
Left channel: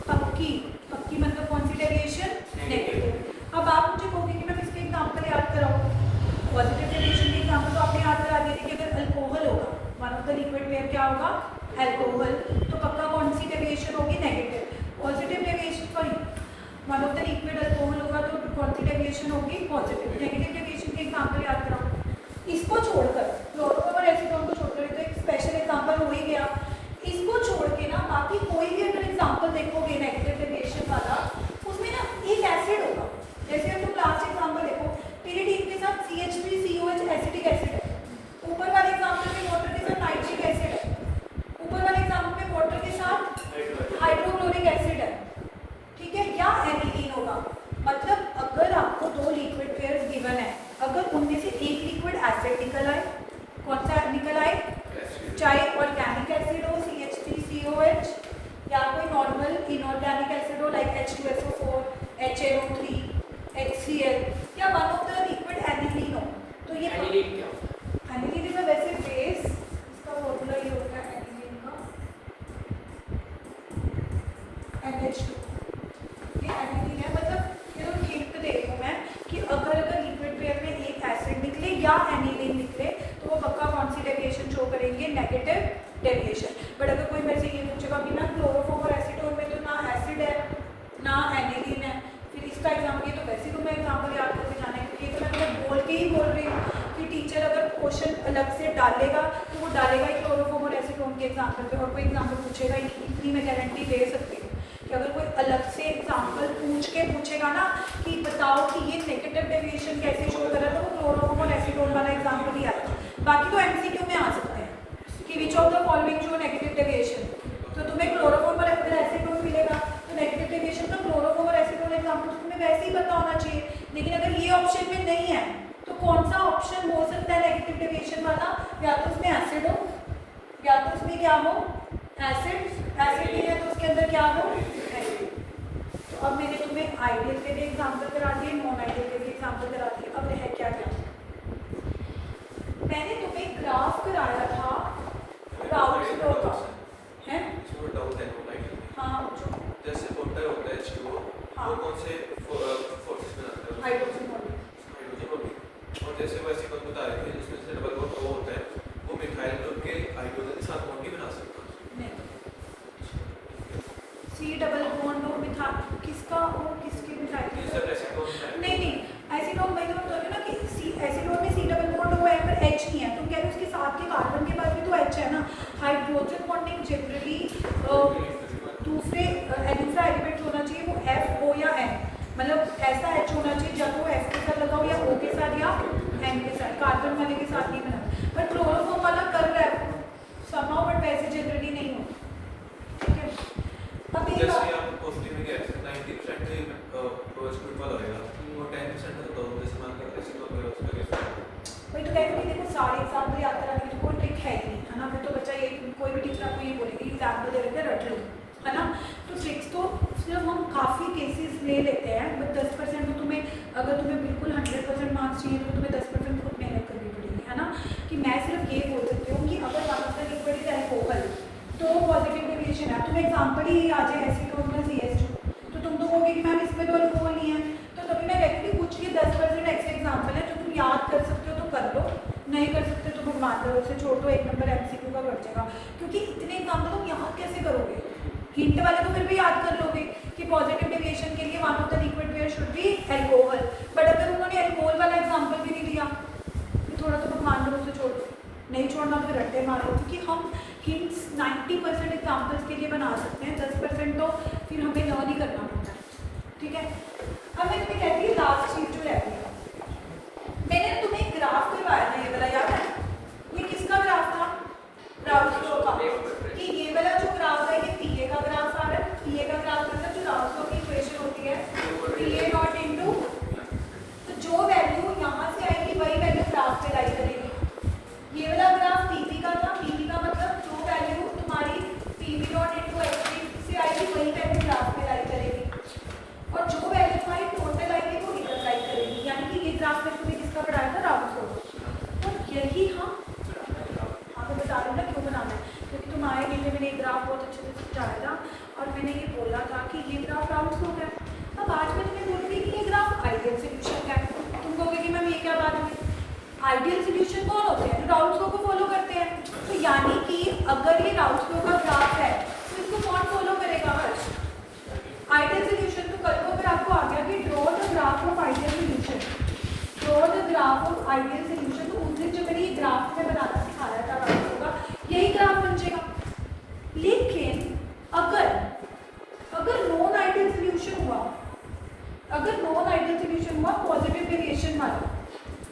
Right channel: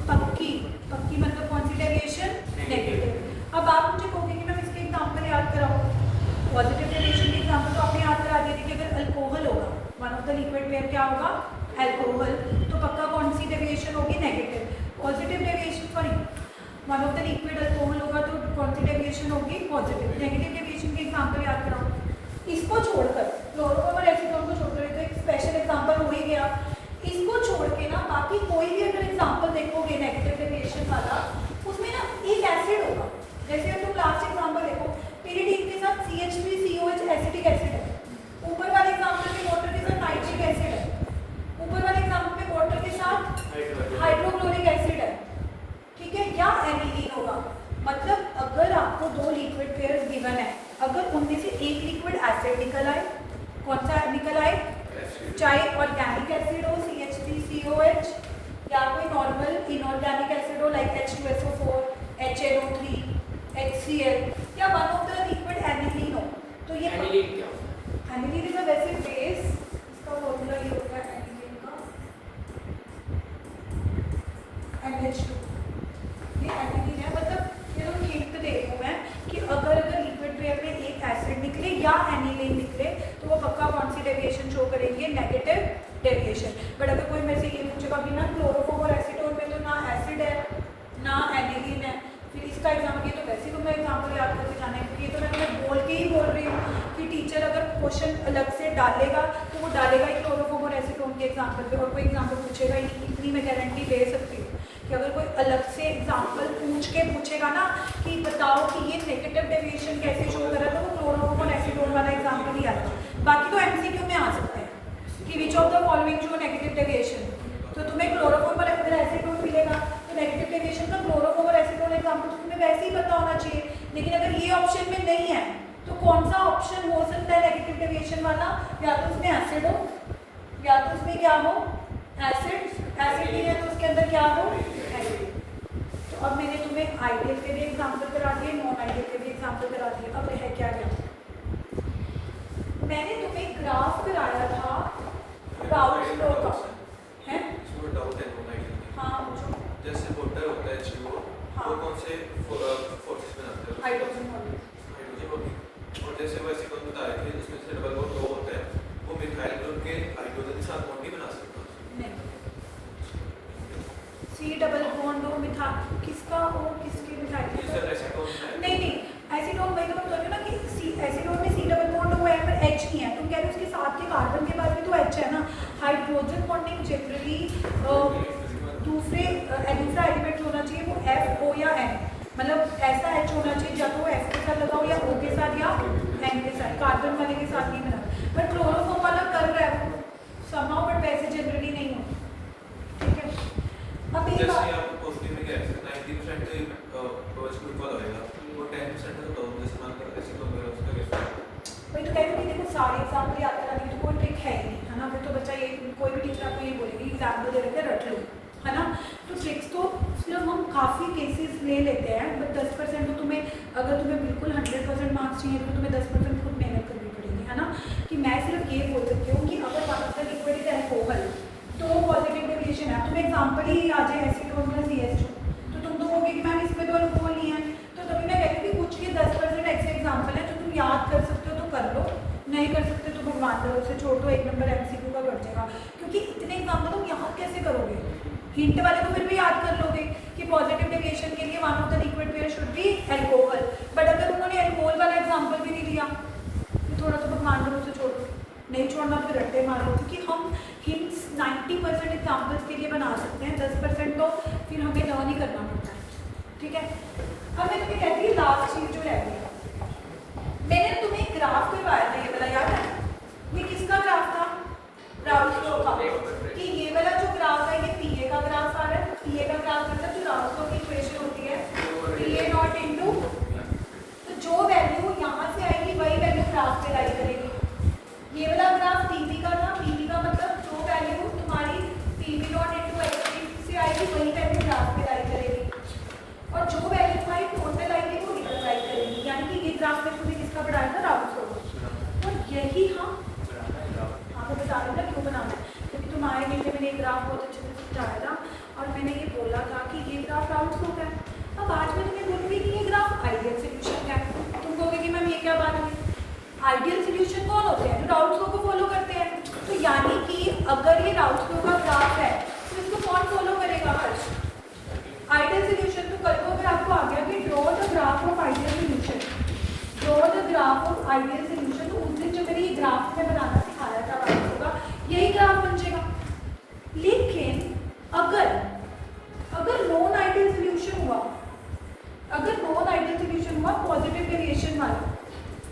पक्की। पक्की मतलब कौन सी डेविएशन? नेगेटिव। अब आप मुझे कहोगे कि मैं इसके एग्जांपल याद कराऊं। पॉजिटिव डेविएशन के एग्जांपल तो आपने याद करा दिए थे कि अगर अल्कोहल होगा, one of the liquid pair क्या होगा? अल्कोहल, तो पक्का कौन सी डेविएशन होगी? Negative. Positive deviation, sorry, one of the liquid alcohol होगा तो कौन सी डेविएशन होगी? पॉजिटिव। नेगेटिव डेविएशन के एग्जांपल याद कराओ। इसको छोड़कर, क्लोरोफॉर्म और एसीटोन को छोड़कर, तो एक स्पेशल एग्जांपल हो ही गया। इसको छोड़ के ना बाकी कोई भी अगर एग्जांपल देखोगे नेगेटिव डेविएशन वाला, उसमें ना एक एसिड होगा। जैसे हमको लास्ट एग्जांपल देखो, pyridine के साथ CH3COH एसिटिक एसिड है। ऊपर वाले एग्जांपल में वाटर के साथ नाइट्रिक एसिड है। ऊपर वाले एग्जांपल में वाटर के साथ हाइड्रोक्लोरिक एसिड है, ठीक है, या एनिलीन होगा। मतलब अगर आपको दो लिक्विड पेयर्स गिवन है, अगर उनमें से कौन सा निकल आए, चाहे ऑर्गेनिक एसिड हो CH3COH या कोई नॉर्मल इनऑर्गेनिक एसिड हो लाइक H2SO4, HNO3, HCl या one of the liquid aniline हो। तो ये एनिलीन क्या होता है? एनिलीन इज अ वैसे बेस, इसका फॉर्मूला ये होता है एनिलीन का NH2। ये एनिलीन है, मतलब ये तो हिंट दे रही हूँ मैं कि अगर लिक्विड पेयर में एक एसिड निकले या एनिलीन निकले तो वो पक्का कौन सी डेविएशन शो करेंगे, नेगेटिव डेविएशन। बट अगर कोई मेरे से ये पूछेगा कि ना क्लोरोफॉर्म और एसीटोन में तो ना एसिड है ना एनिलीन है, फिर इसका एग्जाम्पल, ये तो वैसे ही तुम्हें एग्जाम्पल याद करके जाना है क्योंकि ये तो मैं बोल के ही बोल रही हूँ कि टीचर अगर क्वेश्चन अलग से डालेगा तो वो डालेगा ही क्लोरोफॉर्म और एसीटोन के एग्जाम्पल पे, और कोई एग्जाम्पल पूछेगा ही नहीं। इतनी मैं गारंटी दे सकती हूँ कि अगर कोई अलग से एग्जाम्पल पूछ के पूछेगा ना कि बताओ कि ये नेगेटिव डेविएशन कैसे शो करा, तो वो क्लोरोफॉर्म और एसीटोन वाला एग्जाम्पल ही आएगा। बाकी तो एमसीक्यू में आ सकते हैं कि विच of the following show negative deviation, तो तुम्हें क्लोरोफॉर्म और अगर एसीटोन मिलेगा तो नेगेटिव डेविएशन तो क्लोरोफॉर्म और एसीटोन एग्जाम्पल तो तुम्हें वैसे ही पता होना चाहिए। लेकिन अगर ये ऑप्शन में नहीं है तो कौन सा ऑप्शन हो सकता है नेगेटिव डेविएशन वाला, या तो उसमें एसिड हो या तो उसमें क्या हो, एसिड ही है तो उसके अंदर क्या हो, एसिड। तो अब मैंने तुम्हें आइडियल के भी एग्जाम्पल करा दिए, नॉन आइडियल के भी एग्जाम्पल करा दिए। अब है क्या क्या, मैंने तुम्हें ग्राफ कराया था राउल्ट फ्लो का, है डाउट है नॉन आइडियल। हाँ जो जैसे वाटर होता है H2O, वो कौन से फोर्सेस बनाता है? Hydrogen hydrogen. और जैसे वैसे कौन बता रहे थे उसमें से डबल बॉन्ड होता है, वो मिथाइल ग्रुप के हाइड्रोजन के साथ बॉन्ड भी बना सकते हैं। C डबल बॉन्ड हो मिथाइल, किसका हो, किसकी मिथाइल? नहीं नहीं, एसीटोन वही तो हम बोल रहे हैं ना कि एसीटोन में C डबल बॉन्ड हुआ है पर H नहीं है, तुम कह रहे हो उसके साथ के कार्बन के पास भी तो H है ना। हाइड्रोजन बॉन्डिंग जनरली दूसरा एलिमेंट जो होना चाहिए वो F, O या N, मतलब ऐसा H होना चाहिए या तो F के साथ लगा हो या O के साथ या N के साथ, कार्बन वाले के साथ नहीं बना। बट क्लोरोफॉर्म वाला कर रहा है समहाउ, बट वैसे जनरली नहीं हो। ठीक है, अब एक जैसे आप क्वेश्चन में क्या है 90% के OH ग्रुप वाला होगा, वो 10% तो दोनों जैसे मान कर ऐसे तो मेरा उसमें कैसे वही तो कहते हैं, देखो सारे एग्जाम्पल याद कराने की कोई ट्रिक है ही नहीं, है ना। फिर तो बच्चा ये कोई भी टीचर आपको ये बोलेगी एग्जाम्पल दे रहे थे रट लो, है ना। तो ट्रिक्स तो सिर्फ हम काफ़ी केसेस ले लेते हैं, बट 10% तो तुम्हें, अगर तुम्हें बिल्कुल 100% मार्क्स चाहिए तो तुम्हें 10% खुद मेहनत करनी पड़ेगी, है ना। कि मैं सिर्फ ये बोल सकती हूँ कि अगर आपका लिक्विड इज एल्कोहल तो पॉजिटिव डेविएशन है, तुम्हें एग्जाम्पल ही आ जाए एसीटोन प्लस CH2, तो तुम तो कहोगे कि मैम इसमें तो अल्कोहल नहीं है। तो कभी मैं कहती हूँ कुछ भी 10% ऐसे एग्जाम्पल है जो तुम याद कर सकते हो तो कर लो, नहीं कर सकते तो भगवान भरोसे छोड़ दो, 1 नंबर MCQ का बढ़ जाएगा। क्योंकि इतने एग्जाम्पल तुम याद कैसे करोगे, हिंट वाले तो फिर भी याद कर लोगे कि पॉजिटिव डेविएशन के लिए one of the liquid pair should be alcohol, but अगर उन्होंने एल्कोहल वाला एग्जाम्पल भी नहीं दिया तो थोड़ा तो भगवान भरोसे छोड़ दो, नहीं छोड़ना तो रट्टे मार लो। क्योंकि हम हिंट्स 90% एग्जाम्पल्स के लिए बना सकते हैं, 10% तो फिर हमें लर्न ही करना पड़ता है। ठीक है, अब मैं तुम्हें कहती हूँ लास्ट चीज जो रह गई, मैंने तुम्हें ग्राफ करवाया था, ये वाला याद है, ये किसका ग्राफ था, राउल्ट फ्लो का, कि ये वाला जो ग्राफ है ये PA का ग्राफ आ रहा है, PA का ग्राफ मतलब जो राउल्ट फ्लो की इक्वेशन होती है PA नॉट इनटू, तो जो वैल्यू यहाँ से आएगी वही वैल्यू ग्राफ पे राइट करेगी। ये वाला ग्राफ PB का था, PB का मतलब जो वैल्यू तुम्हारी PB नॉट इनटू HB से आएगी वही वैल्यू ग्राफ पे राइट करेगी, और जो वैल्यू तुम्हारी टोटल आएगी वो इधर राइट करेगी। यानी कि ये ग्राफ में तुम्हें किसका पढ़ाया था, राउल्ट फ्लो का। और यही हम आपको बता रहे थे क्यों बनाना है, क्योंकि तुम आए नहीं थे, मैंने एक ग्राफ बहुत अच्छे से समझाया था और मैंने ये बोला था कि ये ग्राफ राउल्ट फ्लो का है। अब आज मैं तुम्हें बोलूँगी कि ये ग्राफ आइडियल सोल्यूशन का है, तुम कहोगे कि मैम ये क्या बात हुई, आइडियल सोल्यूशन कौन होते हैं, जो राउल्ट फ्लो को फॉलो करते हैं। तो यानी कि अगर ये राउल्ट फ्लो का ग्राफ है तो इसको कौन फॉलो करेगा, हर्ष, आइडियल सोल्यूशन। तो कल को अगर आपको आ गया कि draw the graph of ideal solution, draw the graph of ideal solution, तो उस दिन जो मैंने ये ग्राफ में बनाना सिखाया था राउल्ट फ्लो का, यही ग्राफ बन जाएगा। लेकिन अगर नॉन आइडियल सोल्यूशन हुआ, अगर नॉन आइडियल सोल्यूशन हुआ पॉजिटिव वेरिएशन वाला,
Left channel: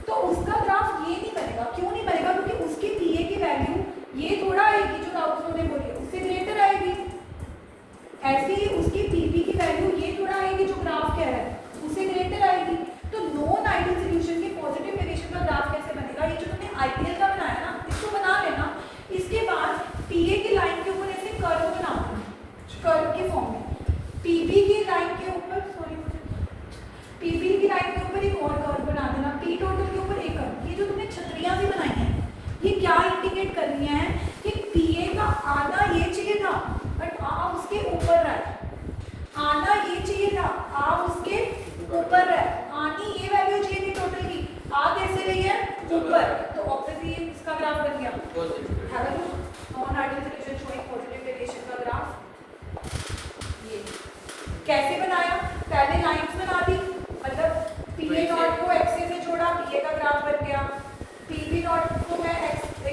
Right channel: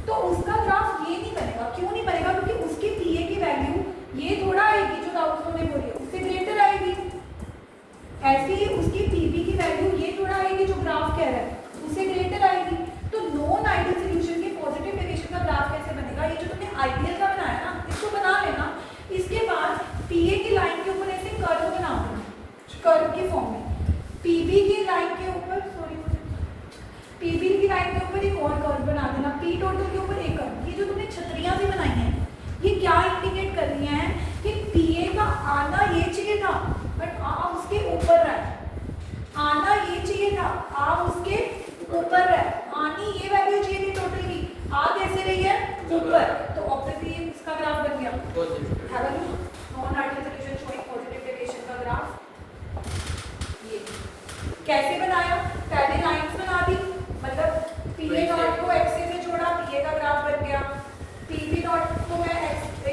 तो उसका ग्राफ ये नहीं बनेगा। क्यों नहीं बनेगा, क्योंकि उसकी PA की वैल्यू ये थोड़ा आएगी जो राउल्ट फ्लो ने बोली है, उससे ग्रेटर आएगी। ऐसे ही उसकी PB की वैल्यू ये थोड़ा आएगी जो ग्राफ कह रहा है, उससे ग्रेटर आएगी। तो नॉन आइडियल सोल्यूशन की पॉजिटिव वेरिएशन का ग्राफ कैसे बनेगा, ये जो तुमने आइडियल का ये क्या इंडिकेट कर रही है कि पीए का आना ये चाहिए था बट आ उसके ऊपर रहा है, आना ये चाहिए था आ उसके ऊपर रहा है, आनी ये वैल्यू चाहिए थी टोटल की, आ कैसे रही है ऊपर, तो ऑब्वियसली ये इसका ग्राफ बन गया। Have a look on ideal solution showing positive deviation का ग्राफ। ये कैसे बनाया, पहले लाइंस बना दी, मतलब पीए नॉट को एक्स से जोड़ा, पीए का ग्राफ बन गया, पीबी नॉट को मैं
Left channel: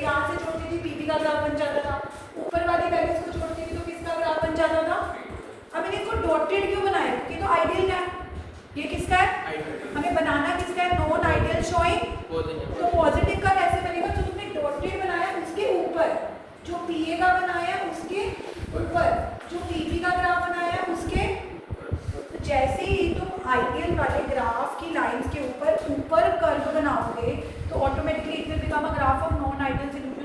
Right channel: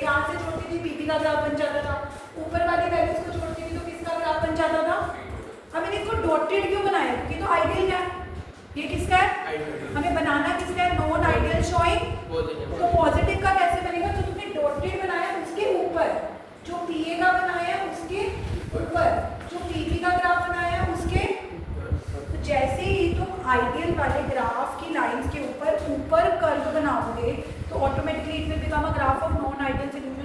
यहाँ से जोड़ती थी, पीबी का ग्राफ बन जाता था, ऊपर वाली वैल्यूज को जोड़ती थी तो किसका ग्राफ बन जाता था। अब मैंने इसको डॉटेड क्यों बनाया, ये तो आइडियल है, ये किसका है, हमें बनाना किसका है, नॉन आइडियल शोइंग, तो पॉजिटिव का कैसे बनेगा, तो तुमने डॉटेड बनाया उसके ऊपर, जो पीए का बनाया उसके ऊपर, जो पीबी का ग्राफ बनाया उसके, तो जैसे ही तुम आइडियल वाले ग्राफ की लाइंस के ऊपर कर्व बनाओगे तो automatically it will become a graph of non ideal solution.